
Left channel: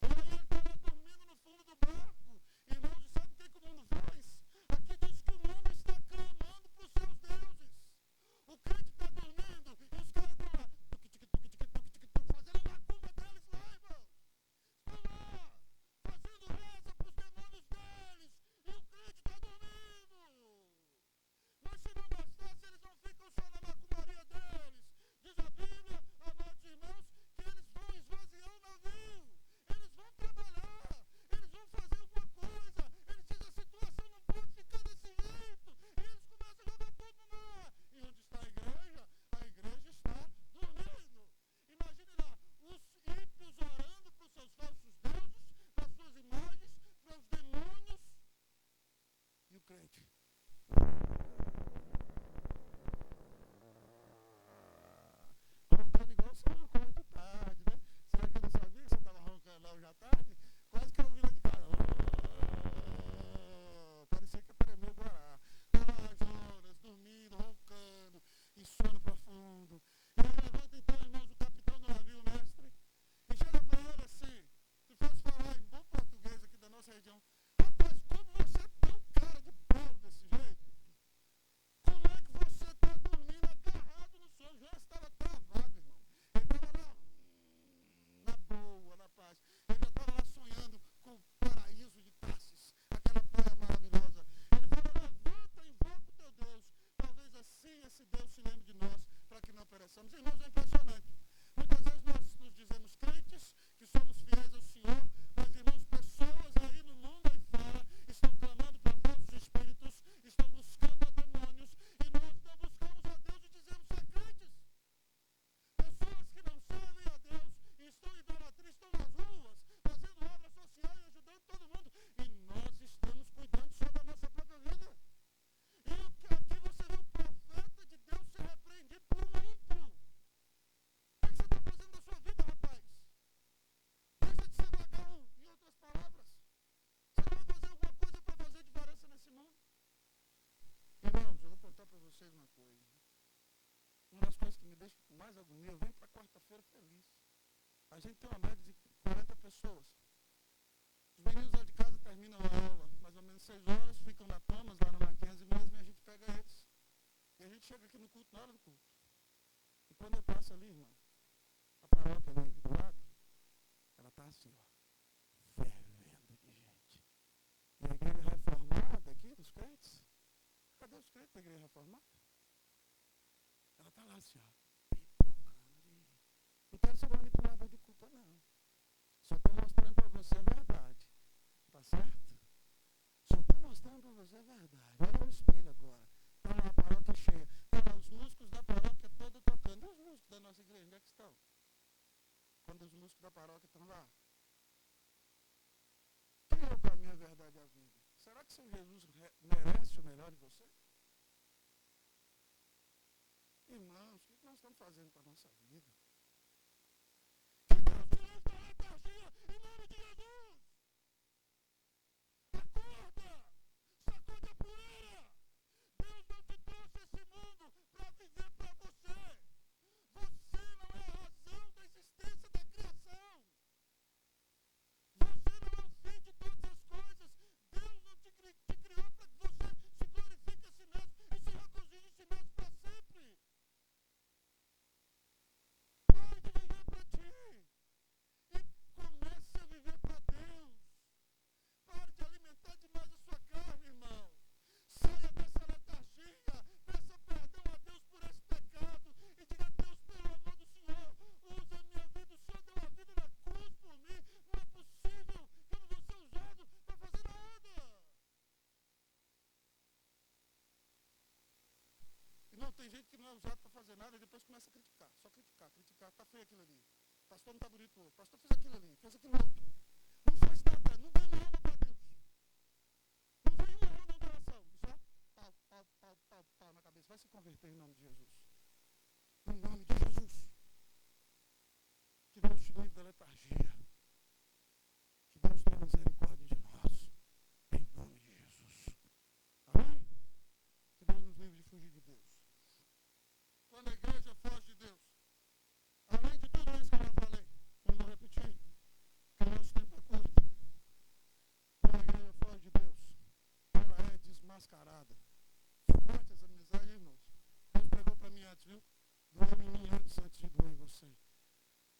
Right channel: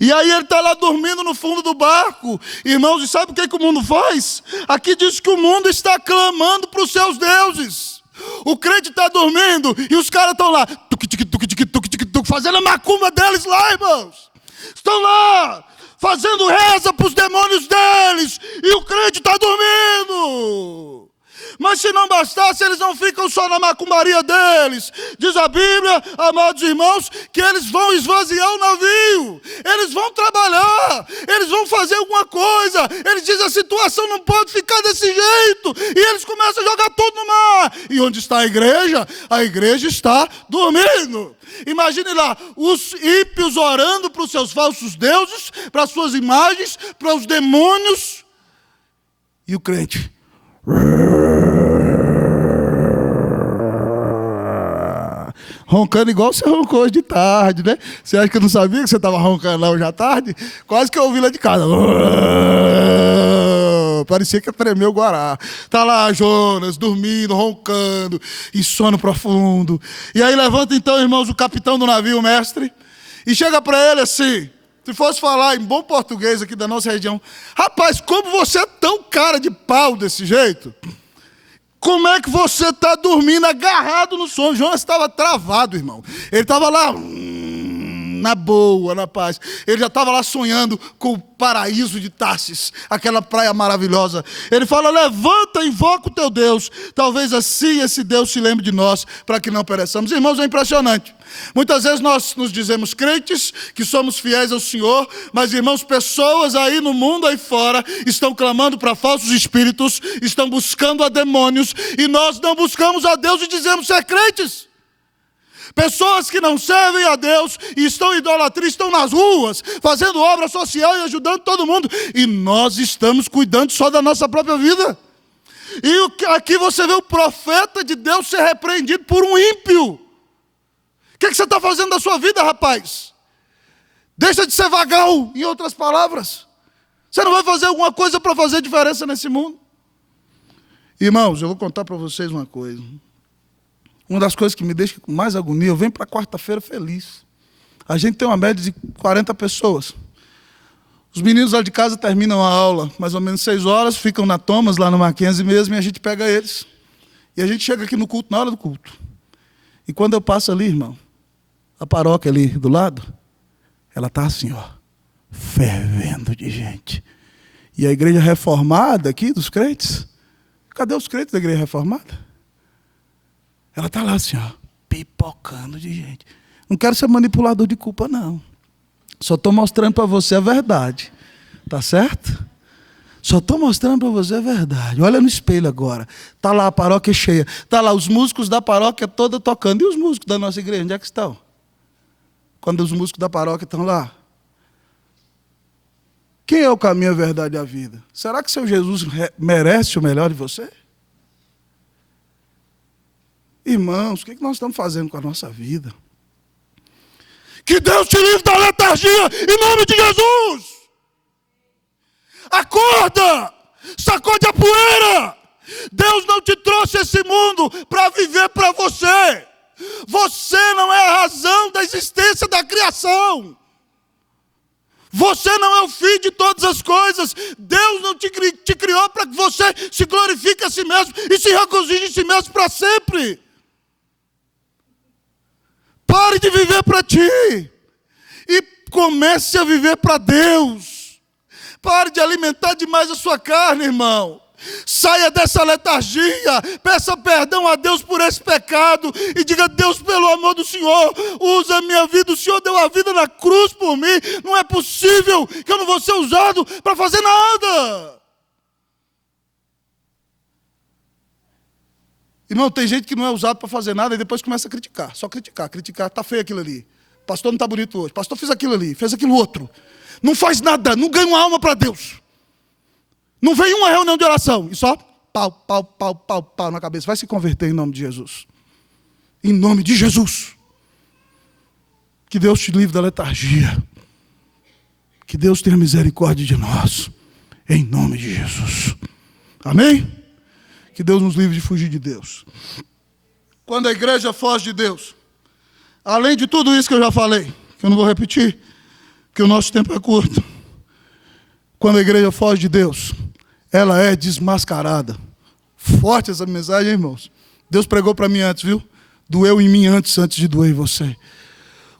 E aí ele está lá dormindo no fundo do barco. Irmãos, e sabe o que o mundo faz? Aqui diz que o mundo está clamando para os seus deuses. O crente está dormindo e os caras estão lá, fazendo a macumba deles lá, irmãos. Estão lá, fazendo reza para os demônios deles. E o crente está dormindo. Mas se não bastasse, eles não ficam só na macumbaria deles. Diz a Bíblia, amados irmãos, que eles vão esvaziar o navio. Eles vão trabalhar. Eles vão fazer alguma coisa. Eles dizem, a situação não pode ficar desse jeito. E eles começam a jogar tudo no mar. E onde está a igreja? A igreja está dormindo. Imagine lá, os ímpios orando para os seus falsos deuses, para as suas imagens, para os demônios. E o crente... roncando igual você roncou hoje de tarde, né? Você acha que eu não sabia que você estava roncando lá hoje à tarde? Quase que eu ouvi lá de casa. Parecia que tremeu o Guará. Tá lá Jonas, dormindo, roncando, em sono profundo. E aí levanta então, irmãos, o capitão do navio, o mestre, e chega para ele assim, se fosse falar em bom português aqui da nossa região, rapaz, como você é tão cara de pau desse jeito? Como é que você está dormindo agarrado no sono? Jonas estava travado, irmão. Ele estava lá, na boa, na paz. Ele já estava lá sonhando com o paraíso de Tarsis, aquela praia maravilhosa. Ele fala, levanta, invoca o teu Deus. Talvez assim esse Deus se lembre de nós, para que não pereçamos. Irmãos, é impressionante. Muitas vezes nós nos dizemos crentes, que somos fiéis ao Senhor, mas, irmãos, pessoas aí no mundo, aí fora, estão clamando para falsos espíritos, estão buscando a demônios, e nós não buscamos a Deus e dizemos ser crentes. Pessoas que não servem a Deus e estão em idolatria, estão nas ruas, fazendo obra social e ajudando todo mundo, e nós estamos cuidando só da nossa própria vida. E aqui você vê o profeta de Deus ser repreendido por um ímpio. O que você está fazendo da sua vida, rapaz? Deixa de ser vagão, em outras palavras. Você não vai fazer alguma coisa para fazer diferença nesse mundo? Irmãos, eu vou contar para vocês uma coisa. Uma das coisas que me deixa com mais agonia, eu venho para quarta-feira feliz. A gente tem uma média de 40 pessoas. Os meninos lá de casa terminam a aula, mais ou menos 6 horas, ficam na Thomas, lá no Mackenzie mesmo, e a gente pega eles. E a gente chega aqui no culto, na hora do culto. E quando eu passo ali, irmão, a paróquia ali do lado, ela está assim, ó, fervendo de gente. E a igreja reformada aqui, dos crentes, cadê os crentes da igreja reformada? Ela está lá assim, ó, pipocando de gente. Não quero ser manipulador de culpa, não. Só estou mostrando para você a verdade. Tá certo? Só estou mostrando para você a verdade. Olha no espelho agora. Está lá a paróquia cheia. Está lá os músicos da paróquia toda tocando. E os músicos da nossa igreja, onde é que estão? quando os músicos da paróquia estão lá. Quem é o caminho, a verdade e a vida? Será que seu Jesus merece o melhor de você? Irmãos, o que nós estamos fazendo com a nossa vida? Que Deus te livre da letargia, em nome de Jesus! Acorda! Sacode a poeira! Deus não te trouxe esse mundo para viver para você. Você não é a razão da existência da criação. Você não é o fim de todas as coisas. Deus não te criou para que você se glorifique a si mesmo e se regozije em si mesmo para sempre. Pare de viver para ti e comece a viver para Deus. Pare de alimentar demais a sua carne, irmão. Saia dessa letargia, peça perdão a Deus por esse pecado e diga: Deus, pelo amor do Senhor, usa a minha vida, o Senhor deu a vida na cruz por mim, não é possível que eu não vou ser usado para fazer nada. Irmão, tem gente que não é usado para fazer nada e depois começa a criticar, só criticar, está feio aquilo ali, pastor não está bonito hoje, pastor fez aquilo ali, fez aquilo outro, não faz nada, não ganha uma alma para Deus. Não vem uma reunião de oração e só pau na cabeça. Vai se converter em nome de Jesus. Em nome de Jesus. Que Deus te livre da letargia. Que Deus tenha misericórdia de nós. Em nome de Jesus. Amém? Que Deus nos livre de fugir de Deus. Quando a igreja foge de Deus, além de tudo isso que eu já falei, que eu não vou repetir, porque o nosso tempo é curto. Quando a igreja foge de Deus, ela é desmascarada. Forte essa mensagem, irmãos. Deus pregou para mim antes, viu? Doeu em mim antes de doer em você.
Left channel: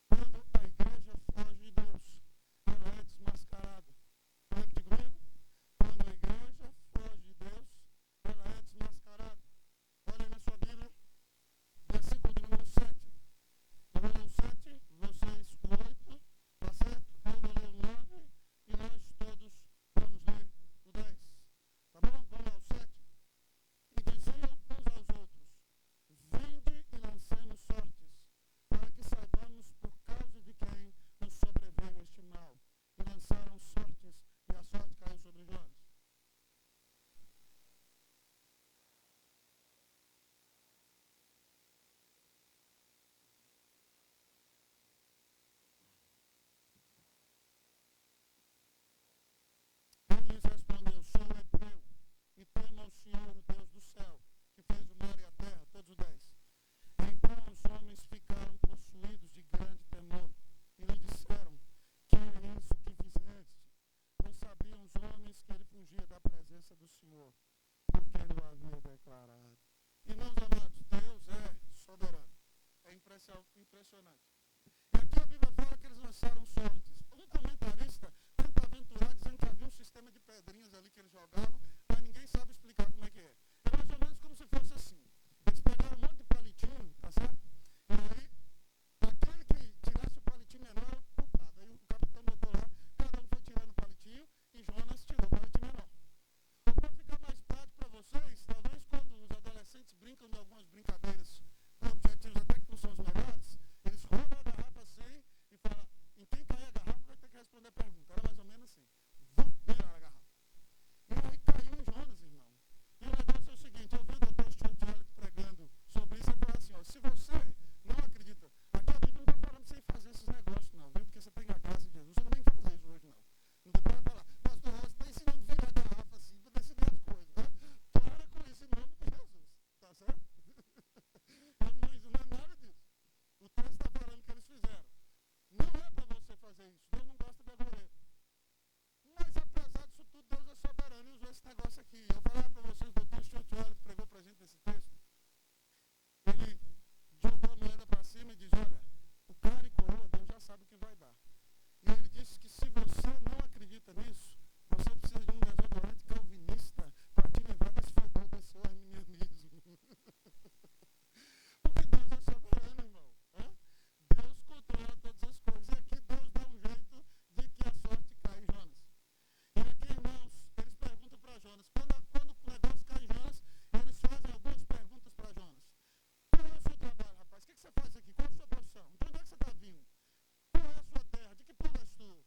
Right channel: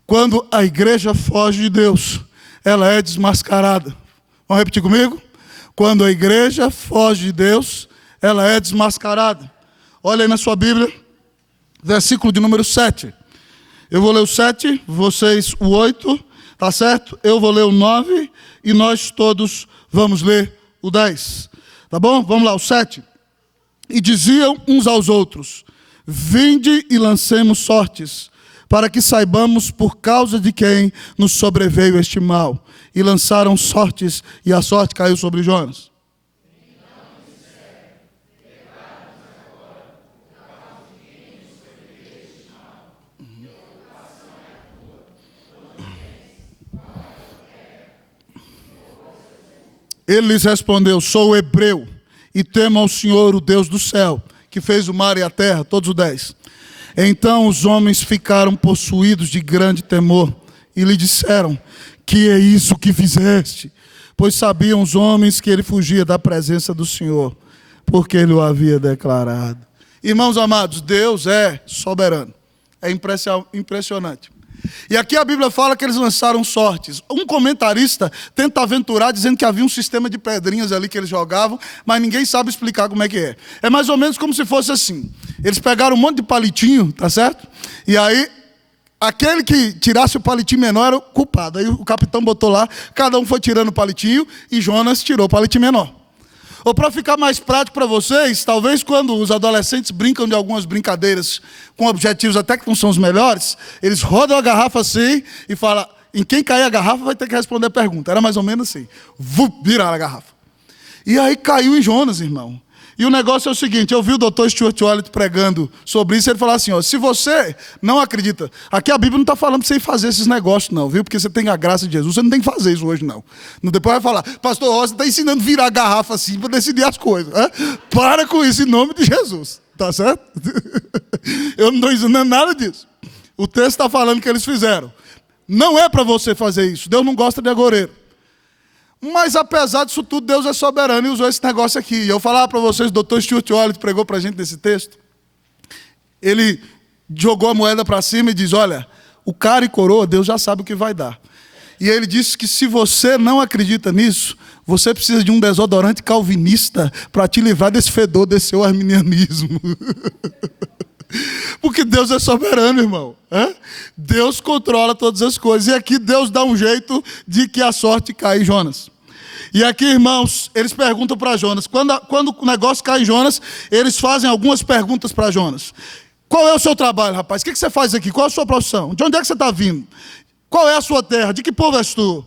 Quando a igreja foge de Deus, ela é desmascarada. Vamos repetir comigo? Quando a igreja foge de Deus, ela é desmascarada. Olha aí na sua Bíblia, versículo de número 7. Eu vou ler o 7, vocês o 8, tá certo? Eu vou ler o 9 e nós todos vamos ler o 10. Tá bom? Vamos lá, o 7. E diziam uns aos outros: vinde e lancemos sortes, para que saibamos por causa de quem nos sobreveio este mal. E lançaram sortes, e a sorte caiu sobre Jonas. Ele lhes respondeu: sou hebreu e temo ao Senhor, o Deus do céu, que fez o mar e a terra. Todos os 10. Então os homens ficaram possuídos de grande temor e lhe disseram: que é isso que fizeste? Pois sabiam os homens que ele fugia da presença do Senhor, porque ele o havia declarado. Irmãos amados, Deus é soberano. É impressionante. E aqui a Bíblia fala que eles lançaram sortes. Um comentarista tenta aventurar dizendo que havia um sistema de pedrinhas ali que eles jogavam, mas ninguém sabe explicar como é que é. É mais ou menos como se fosse assim. Eles pegaram um monte de palitinho, tá certo? E aí, aquele que tirasse o palitinho menor era o culpado. Aí o capitão botou lá, cada um foi tirando o palitinho e Jonas tirou o palitinho menor. Ou para ficar mais prático para vocês, talvez quando os adolescentes brincam de algumas brincadeiras com objetivos até que não são os melhores, eles rodam a garrafa assim e falam: em quem cair a garrafa vai ter que responder a pergunta. Era mais ou menos assim. Viraram a garrafa. E aí caiu em Jonas, irmão. E o negócio é o seguinte: eu vi o Dr. Stuart Wallet pregando sobre isso, ele falou assim: ó, se você não acredita, aqui a Bíblia não está falando para você ir fazer esses negócios não, viu? Porque você tem a graça de Jesus, você não tem que fazer isso hoje não. Depois vai falar: pastor Rosa está ensinando a virar a garrafa assim para decidir as coisas. Para com isso em nome de Jesus, tá certo? Eu não estou ensinando nada disso. O texto está falando que eles fizeram. Não é para você fazer isso, Deus não gosta de agoreiro. Mas apesar disso tudo, Deus é soberano e usou esse negócio aqui. E eu falava para vocês, o Dr. Stuart Wallet pregou para a gente nesse texto. Ele jogou a moeda para cima e diz: olha, o cara e coroa, Deus já sabe o que vai dar. E ele disse que se você não acredita nisso, você precisa de um desodorante calvinista para te livrar desse fedor, desse seu arminianismo. Porque Deus é soberano, irmão. Deus controla todas as coisas. E aqui Deus dá um jeito de que a sorte cai em Jonas. E aqui, irmãos, eles perguntam para Jonas. Quando o negócio cai em Jonas, eles fazem algumas perguntas para Jonas. Qual é o seu trabalho, rapaz? O que você faz aqui? Qual é a sua profissão? De onde é que você está vindo? Qual é a sua terra? De que povo és tu?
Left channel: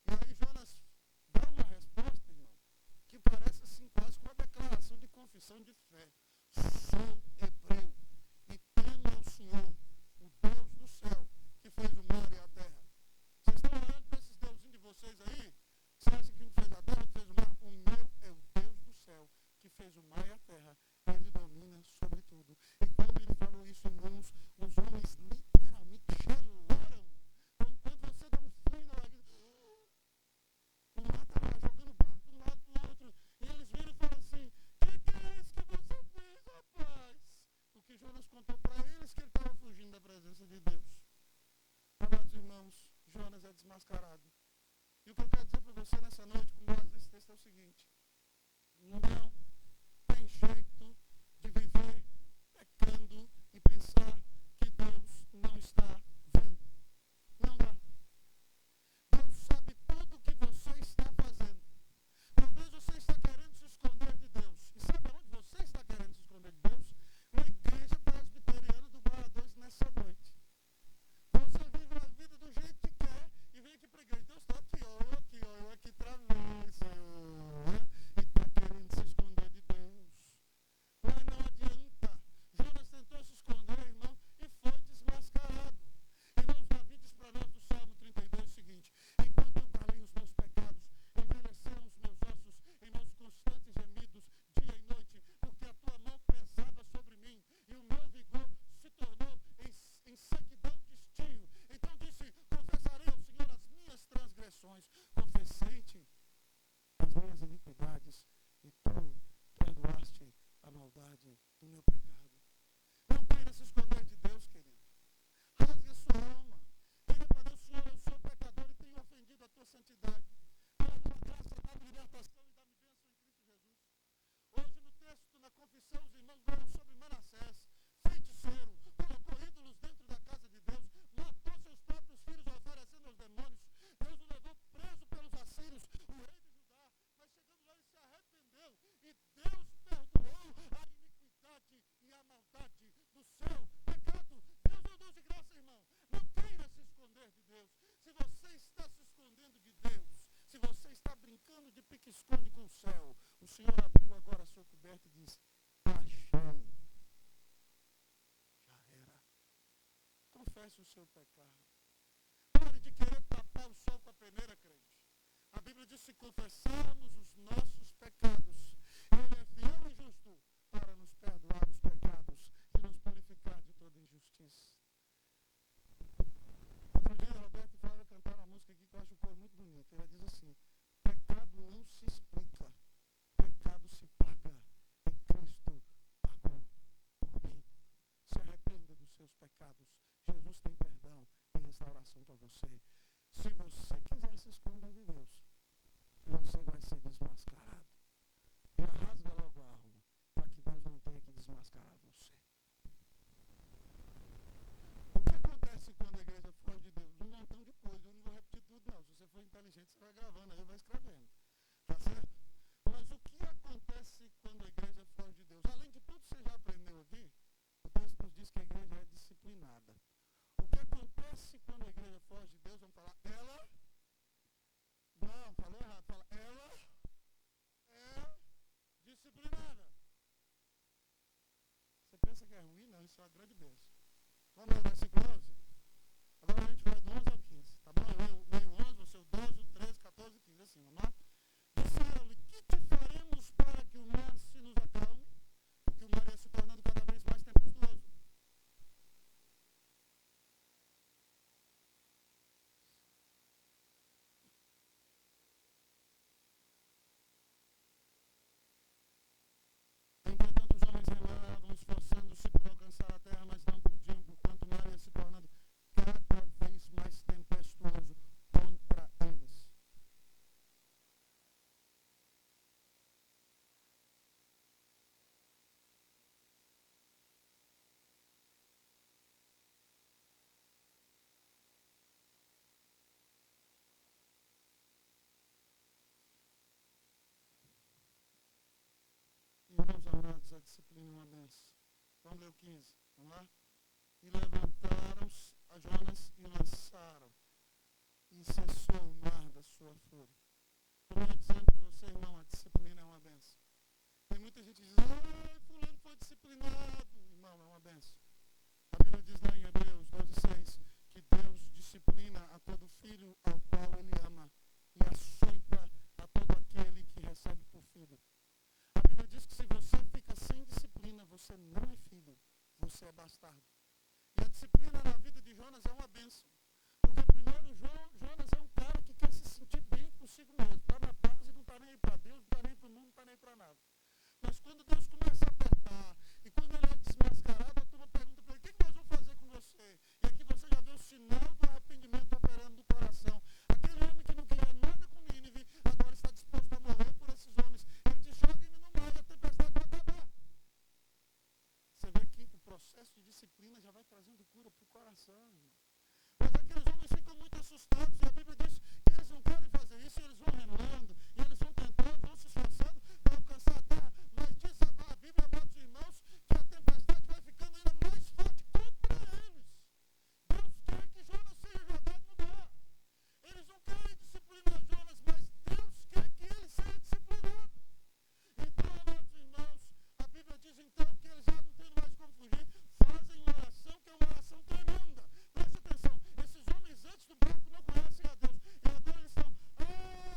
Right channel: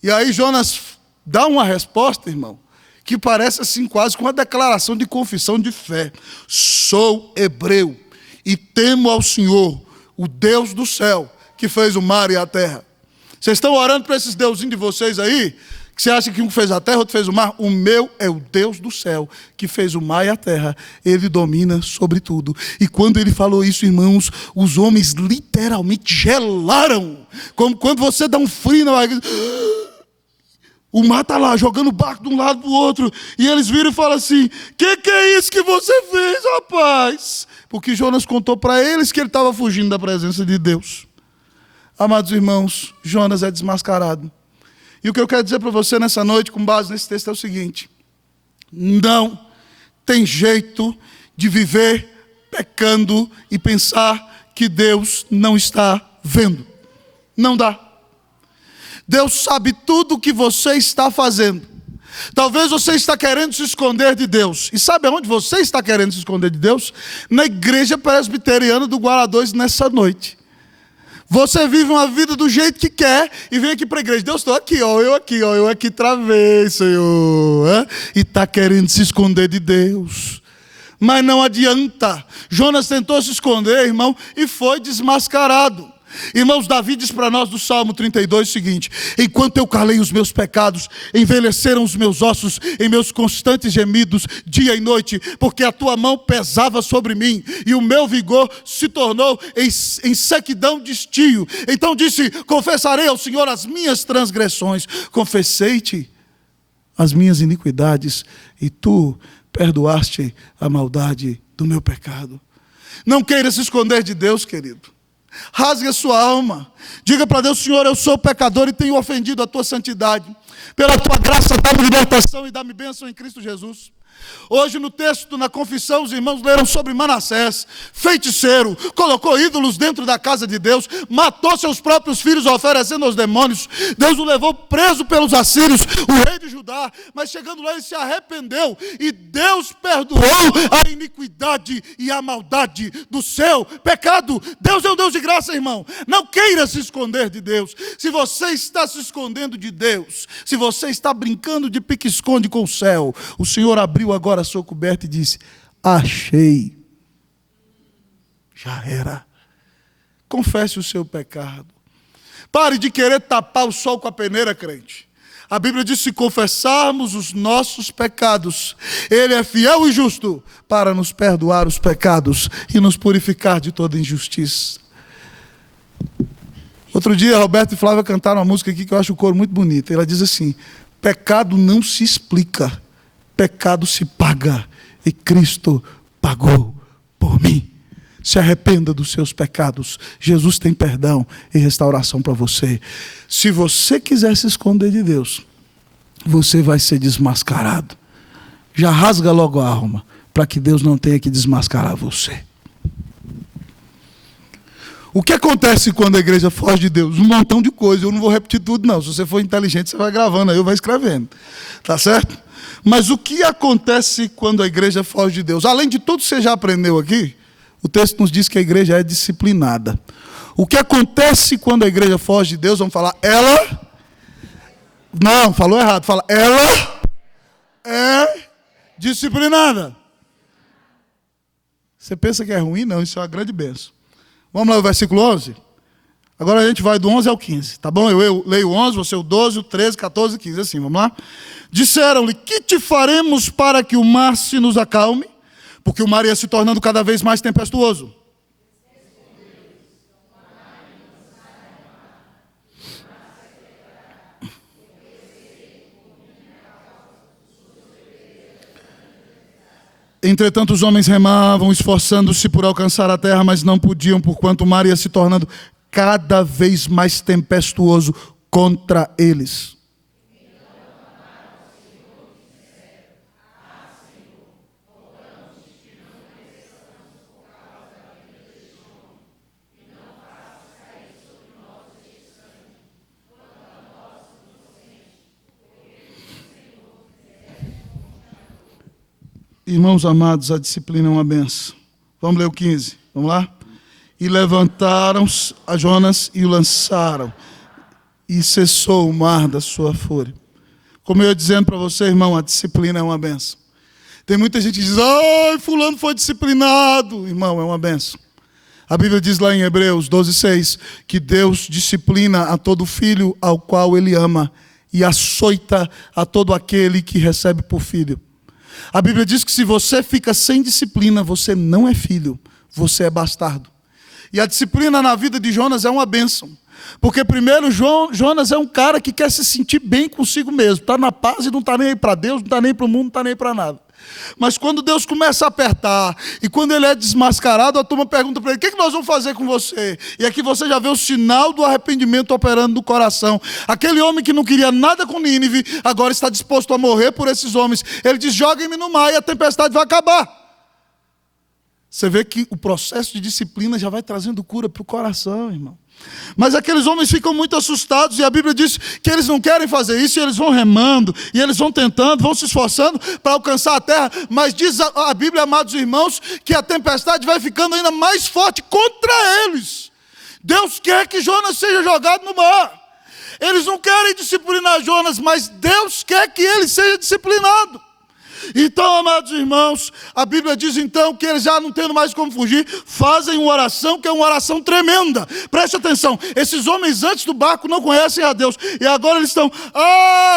E aí Jonas dá uma resposta, irmão, que parece assim quase com uma declaração de confissão de fé. Sou hebreu e temo ao Senhor, o Deus do céu, que fez o mar e a terra. Vocês estão orando para esses deusinhos de vocês aí? Que você acha que um fez a terra, outro fez o mar? O meu é o Deus do céu, que fez o mar e a terra. Ele domina sobre tudo. E quando ele falou isso, irmãos, os homens literalmente gelaram. Como quando você dá um frio na barriga. O mar está lá, jogando o barco de um lado para o outro. E eles viram e falam assim, que é isso que você fez, rapaz? Porque Jonas contou para eles que ele estava fugindo da presença de Deus. Amados irmãos, Jonas é desmascarado. E o que eu quero dizer para você nessa noite, com base nesse texto, é o seguinte: não tem jeito de viver pecando e pensar que Deus não está vendo. Não dá. Deus sabe tudo o que você está fazendo. Talvez você está querendo se esconder de Deus. E sabe aonde você está querendo se esconder de Deus? Na igreja presbiteriana do Guará 2 nessa noite. Você vive uma vida do jeito que quer e vem aqui para a igreja. Deus, estou aqui, ó, eu aqui travei, Senhor. E está querendo se esconder de Deus. Mas não adianta. Jonas tentou se esconder, irmão, e foi desmascarado. Irmãos, Davi diz para nós do Salmo 32 o seguinte: enquanto eu calei os meus pecados, envelheceram os meus ossos em meus constantes gemidos, dia e noite, porque a tua mão pesava sobre mim, e o meu vigor se tornou em sequidão de estio. Então disse, confessarei ao Senhor as minhas transgressões, confessei-te as minhas iniquidades, e tu perdoaste a maldade do meu pecado. Não queira se esconder de Deus, querido. Rasgue a sua alma. Diga para Deus, Senhor, eu sou pecador e tenho ofendido a tua santidade. Pela tua graça, dá-me libertação e dá-me bênção em Cristo Jesus. Hoje no texto, na confissão, os irmãos leram sobre Manassés, feiticeiro, colocou ídolos dentro da casa de Deus, matou seus próprios filhos oferecendo aos demônios. Deus o levou preso pelos assírios, o rei de Judá, mas chegando lá ele se arrependeu e Deus perdoou a iniquidade e a maldade do seu pecado. Deus é um Deus de graça, irmão. Não queira se esconder de Deus. Se você está se escondendo de Deus, se você está brincando de pique-esconde com o céu, o Senhor abriu agora a sua coberta e disse, achei. Já era. Confesse o seu pecado. Pare de querer tapar o sol com a peneira, crente. A Bíblia diz, se confessarmos os nossos pecados, Ele é fiel e justo para nos perdoar os pecados e nos purificar de toda injustiça. Outro dia, Roberto e Flávia cantaram uma música aqui que eu acho o coro muito bonito. Ela diz assim, pecado não se explica, pecado se paga, e Cristo pagou por mim. Se arrependa dos seus pecados. Jesus tem perdão e restauração para você. Se você quiser se esconder de Deus, você vai ser desmascarado. Já rasga logo a alma, para que Deus não tenha que desmascarar você. O que acontece quando a igreja foge de Deus? Um montão de coisa. Eu não vou repetir tudo, não. Se você for inteligente, você vai gravando aí, ou vai escrevendo. Tá certo? Mas o que acontece quando a igreja foge de Deus? Além de tudo que você já aprendeu aqui, o texto nos diz que a igreja é disciplinada. O que acontece quando a igreja foge de Deus? Vamos falar, ela... Não, falou errado. Fala, ela é disciplinada. Você pensa que é ruim? Não, isso é uma grande bênção. Vamos lá, o versículo 11? Agora a gente vai do 11 ao 15, tá bom? Eu leio o 11, você o 12, o 13, 14 e 15, assim, vamos lá? Disseram-lhe, que te faremos para que o mar se nos acalme? Porque o mar ia se tornando cada vez mais tempestuoso. Entretanto, os homens remavam, esforçando-se por alcançar a terra, mas não podiam, porquanto o mar ia se tornando cada vez mais tempestuoso contra eles. Irmãos amados, a disciplina é uma benção. Vamos ler o 15, vamos lá? E levantaram a Jonas e o lançaram. E cessou o mar da sua fúria. Como eu ia dizendo para você, irmão, a disciplina é uma benção. Tem muita gente que diz, ai, fulano foi disciplinado. Irmão, é uma benção. A Bíblia diz lá em Hebreus 12:6, que Deus disciplina a todo filho ao qual Ele ama e açoita a todo aquele que recebe por filho. A Bíblia diz que se você fica sem disciplina, você não é filho, você é bastardo. E a disciplina na vida de Jonas é uma bênção. Porque primeiro, Jonas é um cara que quer se sentir bem consigo mesmo. Está na paz e não está nem aí para Deus, não está nem para o mundo, não está nem para nada. Mas quando Deus começa a apertar, e quando ele é desmascarado, a turma pergunta para ele, o que nós vamos fazer com você? E aqui você já vê o sinal do arrependimento operando no coração. Aquele homem que não queria nada com Nínive, agora está disposto a morrer por esses homens. Ele diz, joguem-me no mar e a tempestade vai acabar. Você vê que o processo de disciplina já vai trazendo cura para o coração, irmão. Mas aqueles homens ficam muito assustados, e a Bíblia diz que eles não querem fazer isso, e eles vão remando, e eles vão tentando, vão se esforçando para alcançar a terra. Mas diz a Bíblia, amados irmãos, que a tempestade vai ficando ainda mais forte contra eles. Deus quer que Jonas seja jogado no mar. Eles não querem disciplinar Jonas, mas Deus quer que ele seja disciplinado. Então, amados irmãos, a Bíblia diz então que eles já não tendo mais como fugir, fazem uma oração que é uma oração tremenda. Preste atenção, esses homens antes do barco não conhecem a Deus, e agora eles estão,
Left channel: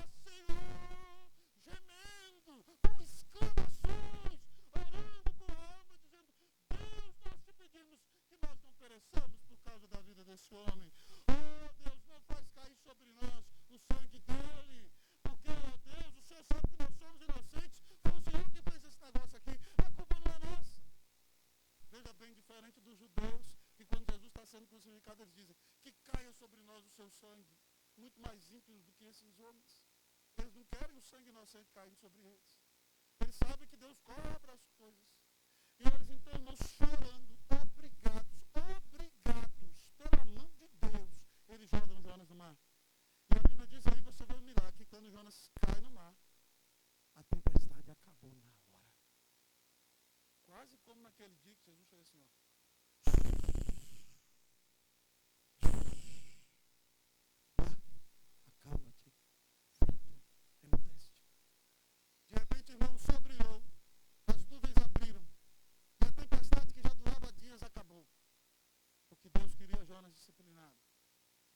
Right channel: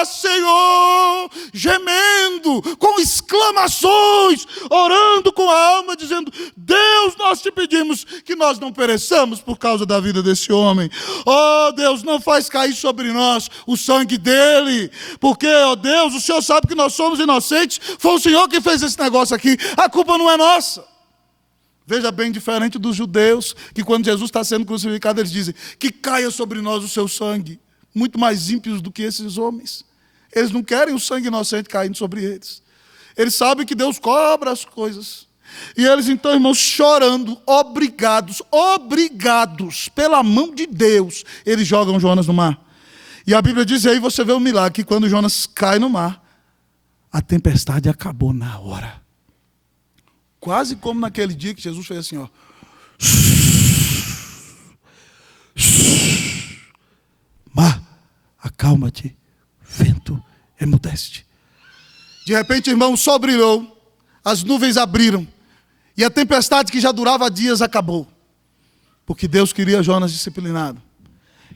Senhor, gemendo, com exclamações, orando com a alma, dizendo, Deus, nós te pedimos que nós não pereçamos por causa da vida desse homem. Oh Deus, não faz cair sobre nós o sangue dele, porque, ó Deus, o Senhor sabe que nós somos inocentes. Foi o Senhor que fez esse negócio aqui, a culpa não é nossa. Veja bem, diferente dos judeus, que quando Jesus está sendo crucificado, eles dizem, que caia sobre nós o seu sangue. Muito mais ímpios do que esses homens. Eles não querem o sangue inocente caindo sobre eles. Eles sabem que Deus cobra as coisas. E eles então, irmãos, chorando, obrigados pela mão de Deus, eles jogam Jonas no mar. E a Bíblia diz, e aí você vê o milagre, que quando Jonas cai no mar, a tempestade acabou na hora. Quase como naquele dia que Jesus fez assim, ó. Mar, acalma-te, vento, emudece-te. De repente, irmão, o sol brilhou, as nuvens abriram, e a tempestade que já durava dias acabou. Porque Deus queria Jonas disciplinado.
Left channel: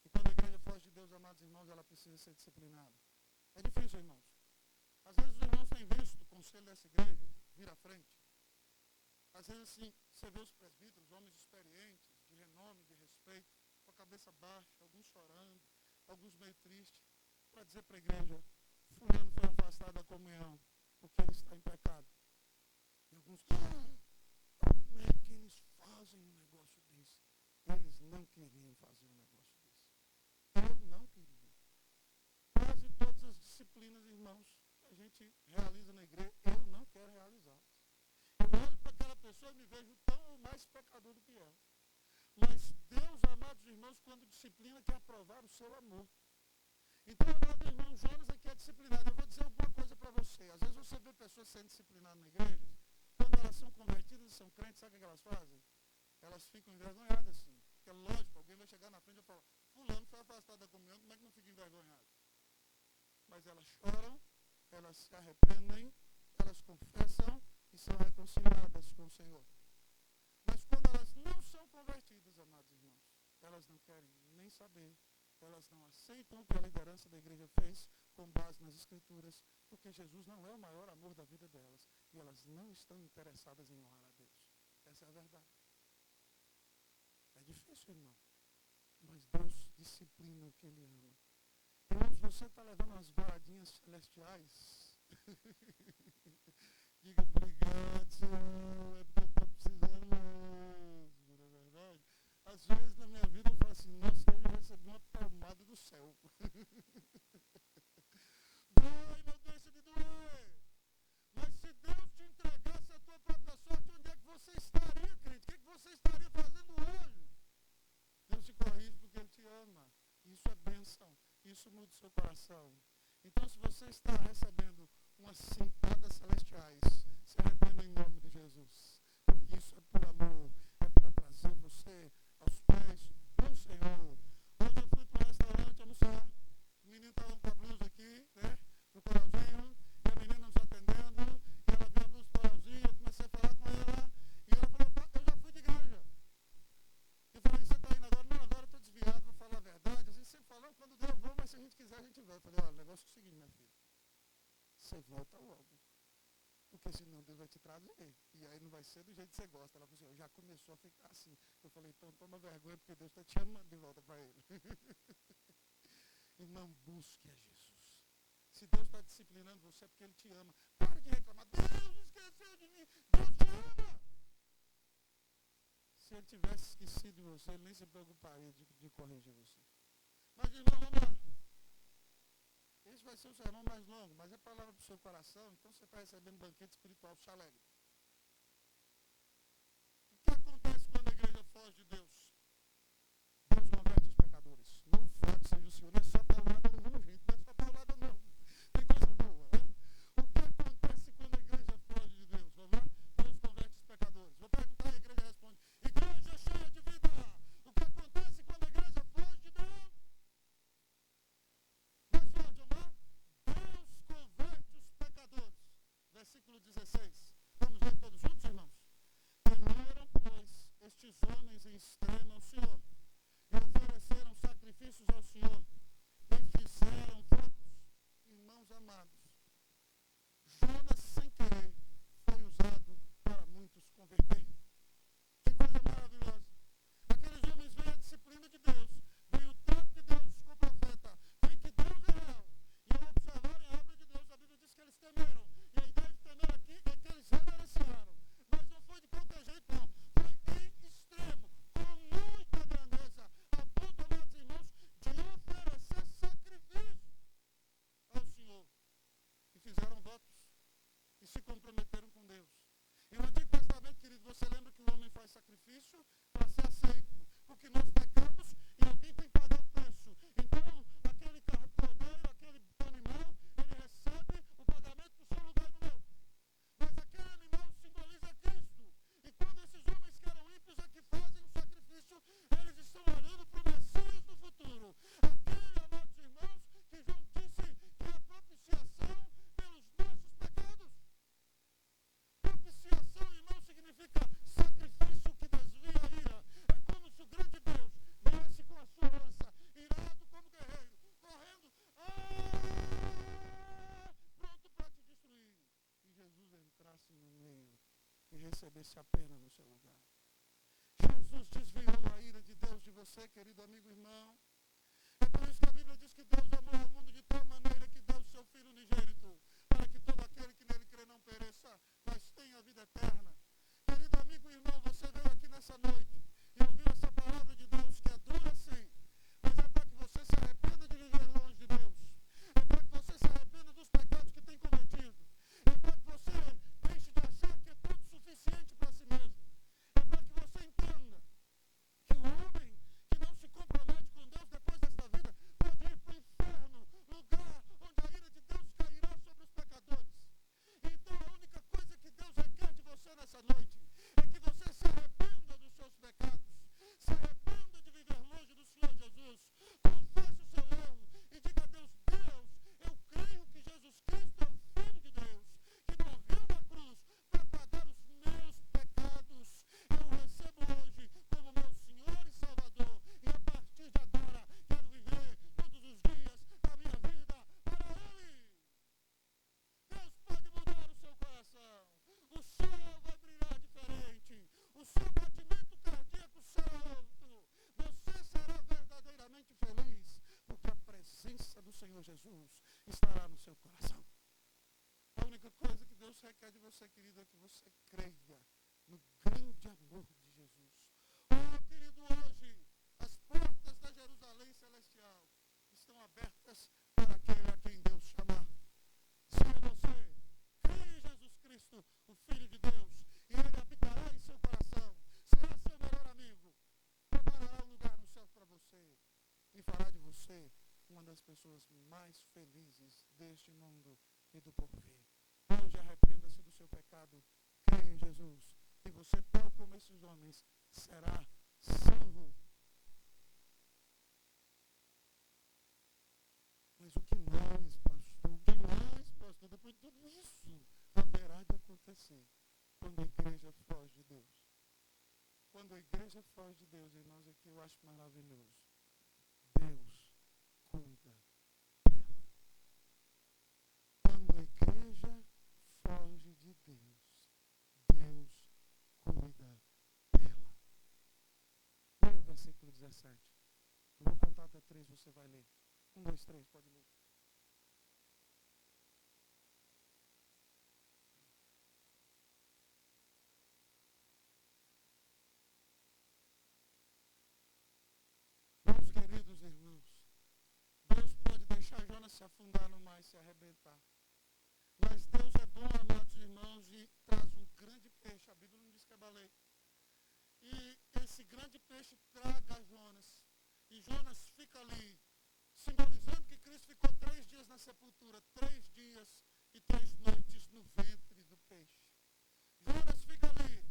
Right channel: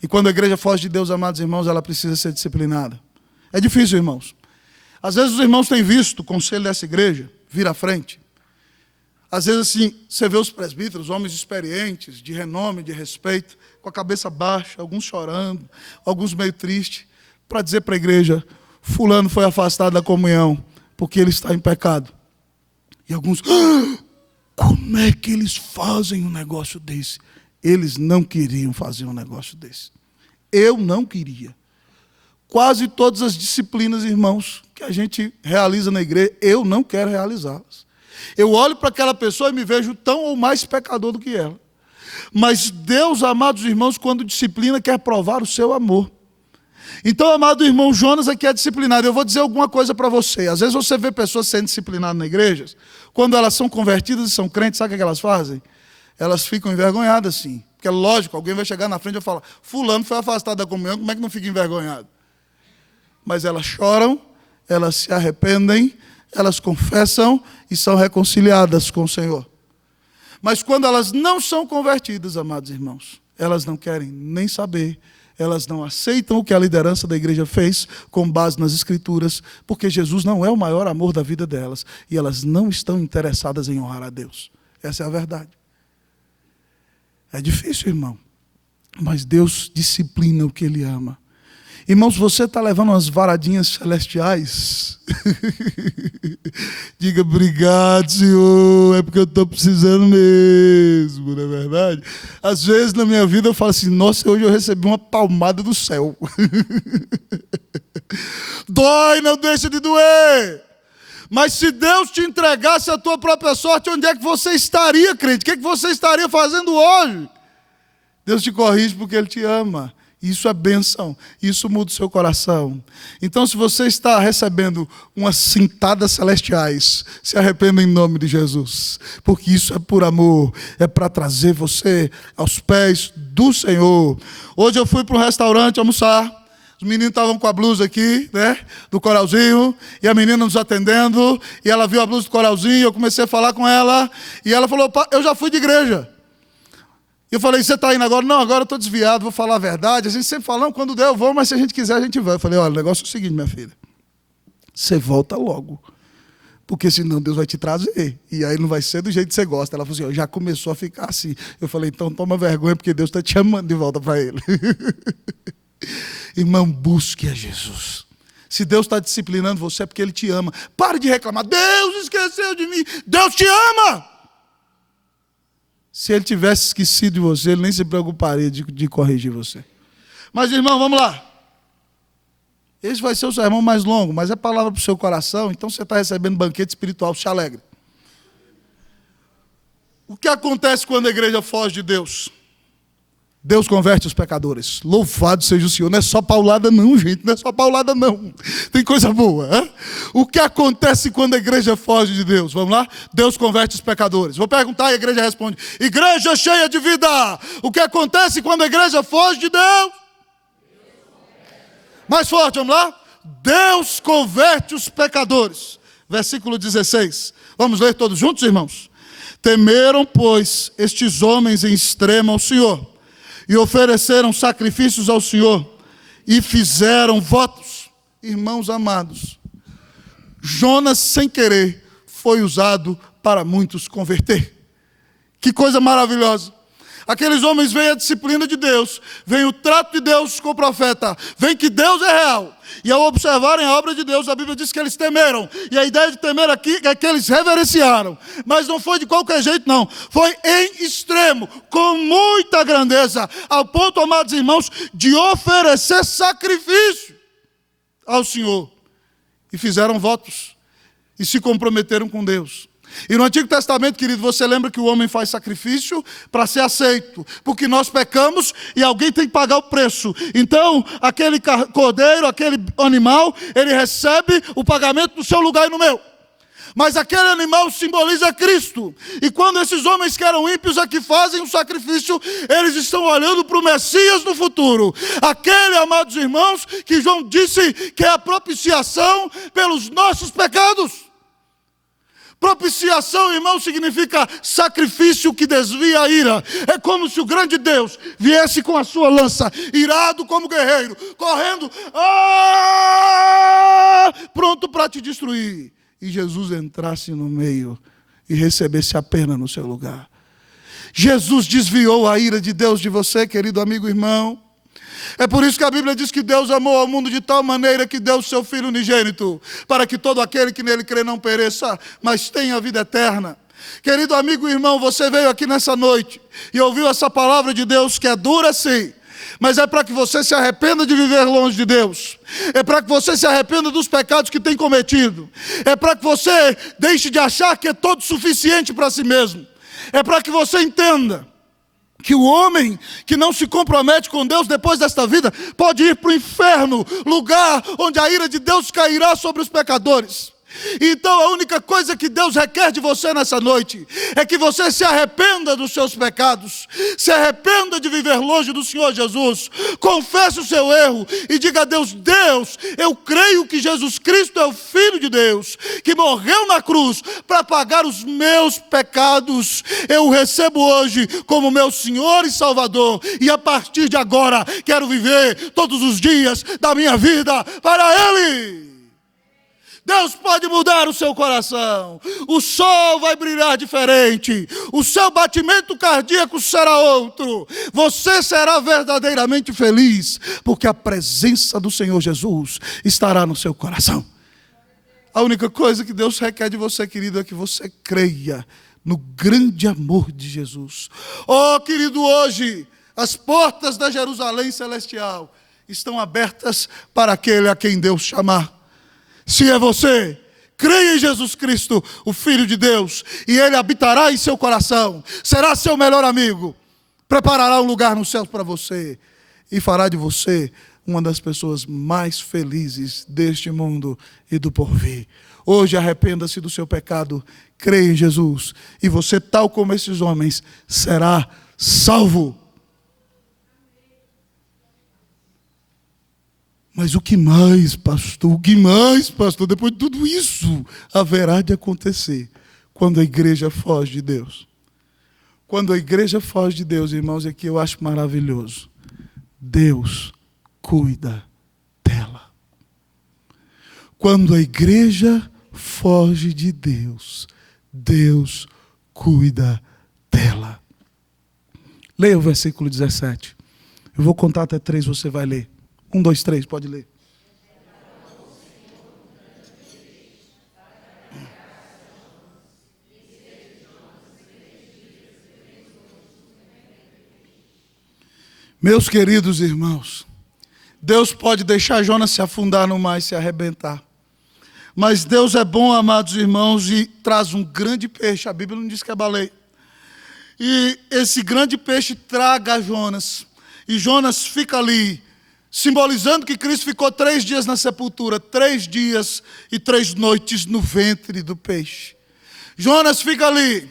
E quando a igreja foge de Deus, amados irmãos, ela precisa ser disciplinada. É difícil, irmãos. Às vezes os irmãos têm visto o conselho dessa igreja vir à frente. Às vezes assim, você vê os presbíteros, homens experientes, de renome, de respeito, com a cabeça baixa, alguns chorando, alguns meio tristes, para dizer para a igreja, fulano foi afastado da comunhão, porque ele está em pecado. E alguns, como é que eles fazem um negócio desse? Eles não queriam fazer um negócio desse. Eu não queria. Quase todas as disciplinas, irmãos, que a gente realiza na igreja, eu não quero realizá-las. Eu olho para aquela pessoa e me vejo tão ou mais pecador do que ela. Mas Deus, amados irmãos, quando disciplina, quer provar o seu amor. Então, amado irmão, Jonas aqui é disciplinado. Eu vou dizer alguma coisa para você. Às vezes você vê pessoas sendo disciplinadas na igreja, quando elas são convertidas e são crentes, sabe o que elas fazem? Elas ficam envergonhadas, sim. Porque é lógico, alguém vai chegar na frente e vai falar, fulano foi afastado da comunhão, como é que não fica envergonhado? Mas elas choram, elas se arrependem, elas confessam e são reconciliadas com o Senhor. Mas quando elas não são convertidas, amados irmãos, elas não querem nem saber, elas não aceitam o que a liderança da igreja fez com base nas Escrituras, porque Jesus não é o maior amor da vida delas, e elas não estão interessadas em honrar a Deus. Essa é a verdade. É difícil, irmão, mas Deus disciplina o que Ele ama. Irmãos, você está levando umas varadinhas celestiais? Diga, obrigado, Senhor, é porque eu estou precisando mesmo, não é verdade? Às vezes na minha vida eu falo assim, nossa, hoje eu recebi uma palmada do céu. Dói, não deixa de doer. Mas se Deus te entregasse a tua própria sorte, onde é que você estaria, crente? O que é que você estaria fazendo hoje? Deus te corrige porque Ele te ama. Isso é bênção, isso muda o seu coração. Então, se você está recebendo umas cintadas celestiais, se arrependa em nome de Jesus, porque isso é por amor, é para trazer você aos pés do Senhor. Hoje eu fui para um restaurante almoçar, os meninos estavam com a blusa aqui, né, do coralzinho, e a menina nos atendendo, e ela viu a blusa do coralzinho, eu comecei a falar com ela, e ela falou: eu já fui de igreja. Eu falei: você está indo agora? Não, agora eu estou desviado, vou falar a verdade. A gente sempre fala: não, quando der eu vou, mas se a gente quiser a gente vai. Eu falei: olha, o negócio é o seguinte, minha filha, você volta logo, porque senão Deus vai te trazer, e aí não vai ser do jeito que você gosta. Ela falou assim: já começou a ficar assim. Eu falei: então toma vergonha, porque Deus está te chamando de volta para Ele. Irmão, busque a Jesus. Se Deus está disciplinando você é porque Ele te ama. Pare de reclamar: Deus esqueceu de mim. Deus te ama. Se Ele tivesse esquecido de você, Ele nem se preocuparia de corrigir você. Mas, irmão, vamos lá. Esse vai ser o sermão mais longo, mas é palavra para o seu coração, então você está recebendo banquete espiritual, se alegre. O que acontece quando a igreja foge de Deus? Deus converte os pecadores. Louvado seja o Senhor. Não é só paulada não, gente. Não é só paulada não. Tem coisa boa. Hein? O que acontece quando a igreja foge de Deus? Vamos lá? Deus converte os pecadores. Vou perguntar e a igreja responde: igreja cheia de vida. O que acontece quando a igreja foge de Deus? Mais forte, vamos lá? Deus converte os pecadores. Versículo 16. Vamos ler todos juntos, irmãos? Temeram, pois, estes homens em extremo ao Senhor, e ofereceram sacrifícios ao Senhor, e fizeram votos. Irmãos amados, Jonas, sem querer, foi usado para muitos converter. Que coisa maravilhosa. Aqueles homens veem a disciplina de Deus, vem o trato de Deus com o profeta, vem que Deus é real. E ao observarem a obra de Deus, a Bíblia diz que eles temeram. E a ideia de temer aqui é que eles reverenciaram. Mas não foi de qualquer jeito, não. Foi em extremo, com muita grandeza, ao ponto, amados irmãos, de oferecer sacrifício ao Senhor. E fizeram votos. E se comprometeram com Deus. E no Antigo Testamento, querido, você lembra que o homem faz sacrifício para ser aceito, porque nós pecamos e alguém tem que pagar o preço. Então, aquele cordeiro, aquele animal, ele recebe o pagamento no seu lugar e no meu. Mas aquele animal simboliza Cristo. E quando esses homens que eram ímpios aqui fazem o sacrifício, eles estão olhando para o Messias no futuro. Aquele, amados irmãos, que João disse que é a propiciação pelos nossos pecados. Propiciação, irmão, significa sacrifício que desvia a ira. É como se o grande Deus viesse com a sua lança, irado como guerreiro, correndo, pronto para te destruir. E Jesus entrasse no meio e recebesse a pena no seu lugar. Jesus desviou a ira de Deus de você, querido amigo irmão. É por isso que a Bíblia diz que Deus amou ao mundo de tal maneira que deu o seu Filho unigênito, para que todo aquele que nele crê não pereça, mas tenha a vida eterna. Querido amigo e irmão, você veio aqui nessa noite e ouviu essa palavra de Deus que é dura sim, mas é para que você se arrependa de viver longe de Deus. É para que você se arrependa dos pecados que tem cometido. É para que você deixe de achar que é todo suficiente para si mesmo. É para que você entenda que o homem que não se compromete com Deus depois desta vida pode ir para o inferno, lugar onde a ira de Deus cairá sobre os pecadores. Então a única coisa que Deus requer de você nessa noite é que você se arrependa dos seus pecados, se arrependa de viver longe do Senhor Jesus, confesse o seu erro e diga a Deus: Deus, eu creio que Jesus Cristo é o Filho de Deus, que morreu na cruz para pagar os meus pecados. Eu o recebo hoje como meu Senhor e Salvador, e a partir de agora quero viver todos os dias da minha vida para Ele. Deus pode mudar o seu coração, o sol vai brilhar diferente, o seu batimento cardíaco será outro, você será verdadeiramente feliz, porque a presença do Senhor Jesus estará no seu coração. A única coisa que Deus requer de você, querido, é que você creia no grande amor de Jesus. Oh, querido, hoje as portas da Jerusalém celestial estão abertas para aquele a quem Deus chamar. Se é você, creia em Jesus Cristo, o Filho de Deus, e Ele habitará em seu coração, será seu melhor amigo, preparará um lugar nos céus para você. e fará de você uma das pessoas mais felizes deste mundo e do porvir. Hoje arrependa-se do seu pecado, creia em Jesus, e você, tal como esses homens, será salvo. Mas o que mais, pastor? O que mais, pastor? Depois de tudo isso, haverá de acontecer quando a igreja foge de Deus. Quando a igreja foge de Deus, irmãos, é que eu acho maravilhoso. Deus cuida dela. Quando a igreja foge de Deus, Deus cuida dela. Leia o versículo 17. Eu vou contar até 3, você vai ler. 1, 2, 3, pode ler. Meus queridos irmãos, Deus pode deixar Jonas se afundar no mar e se arrebentar. Mas Deus é bom, amados irmãos, e traz um grande peixe. A Bíblia não diz que é baleia. E esse grande peixe traga Jonas. E Jonas fica ali, simbolizando que Cristo ficou 3 dias na sepultura, 3 dias e 3 noites no ventre do peixe. Jonas fica ali.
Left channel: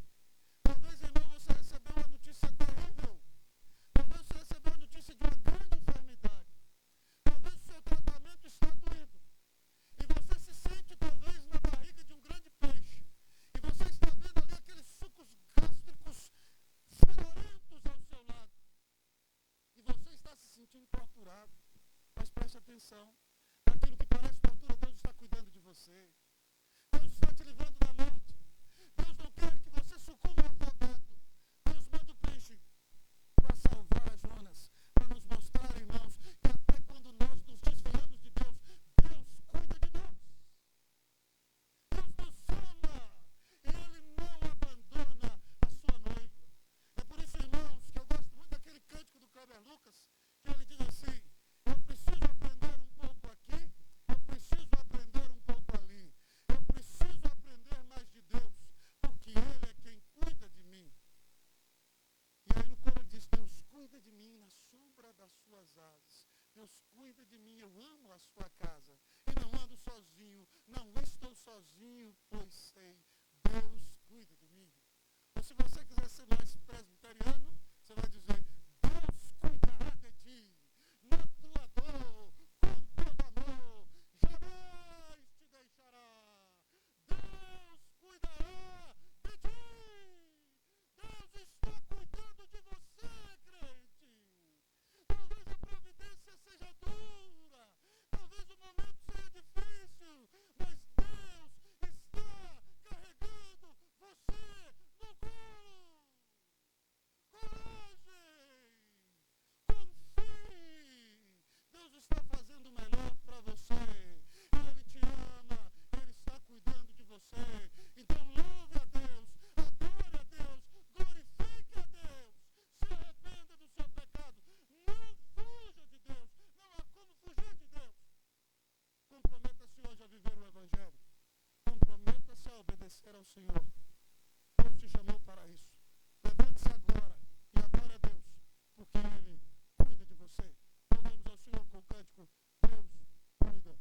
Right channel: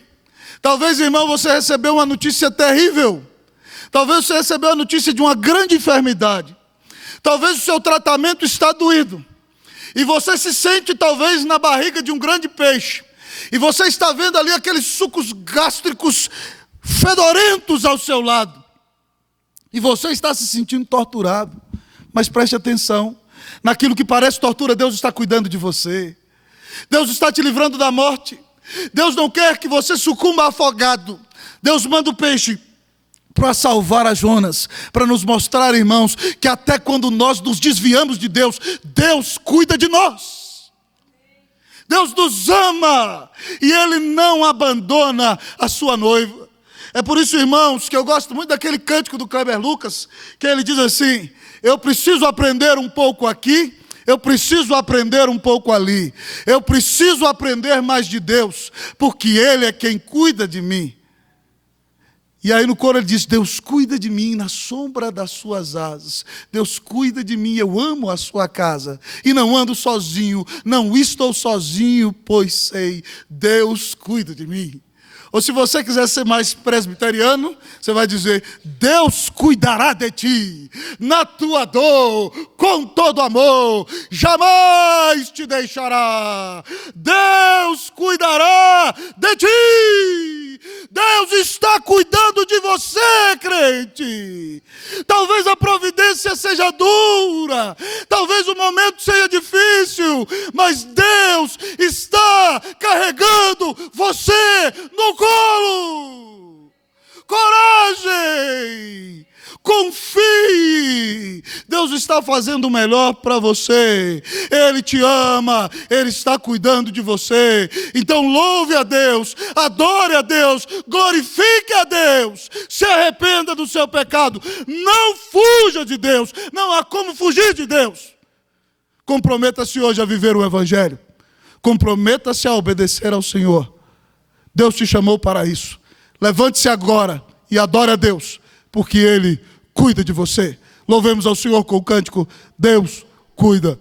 Talvez, irmão, você recebeu uma notícia terrível. Talvez você recebeu a notícia de uma grande enfermidade. Talvez o seu tratamento está doído. E você se sente talvez na barriga de um grande peixe. E você está vendo ali aqueles sucos gástricos fedorentos ao seu lado. E você está se sentindo torturado. Mas preste atenção. Naquilo que parece tortura, Deus está cuidando de você. Deus está te livrando da morte. Deus não quer que você sucumba afogado. Deus manda o peixe para salvar a Jonas, para nos mostrar, irmãos, que até quando nós nos desviamos de Deus, Deus cuida de nós. Deus nos ama e Ele não abandona a sua noiva. É por isso, irmãos, que eu gosto muito daquele cântico do Kleber Lucas, que ele diz assim: eu preciso aprender um pouco aqui, eu preciso aprender um pouco ali, eu preciso aprender mais de Deus, porque Ele é quem cuida de mim. E aí no coro ele diz: Deus cuida de mim na sombra das suas asas. Deus cuida de mim, eu amo a sua casa. E não ando sozinho, não estou sozinho, pois sei, Deus cuida de mim. Ou se você quiser ser mais presbiteriano, você vai dizer: Deus cuidará de ti, na tua dor, com todo amor, jamais te deixará. Deus cuidará de ti. Deus está cuidando de você, crente. Talvez a providência seja dura, talvez o momento seja difícil, mas Deus está carregando você no colo. Coragem! Confie, Deus está fazendo o melhor para você, Ele te ama, Ele está cuidando de você. Então louve a Deus, adore a Deus, glorifique a Deus, se arrependa do seu pecado, não fuja de Deus, não há como fugir de Deus. Comprometa-se hoje a viver o Evangelho, comprometa-se a obedecer ao Senhor. Deus te chamou para isso. Levante-se agora e adore a Deus, porque Ele cuida de você. Louvemos ao Senhor com o cântico: Deus cuida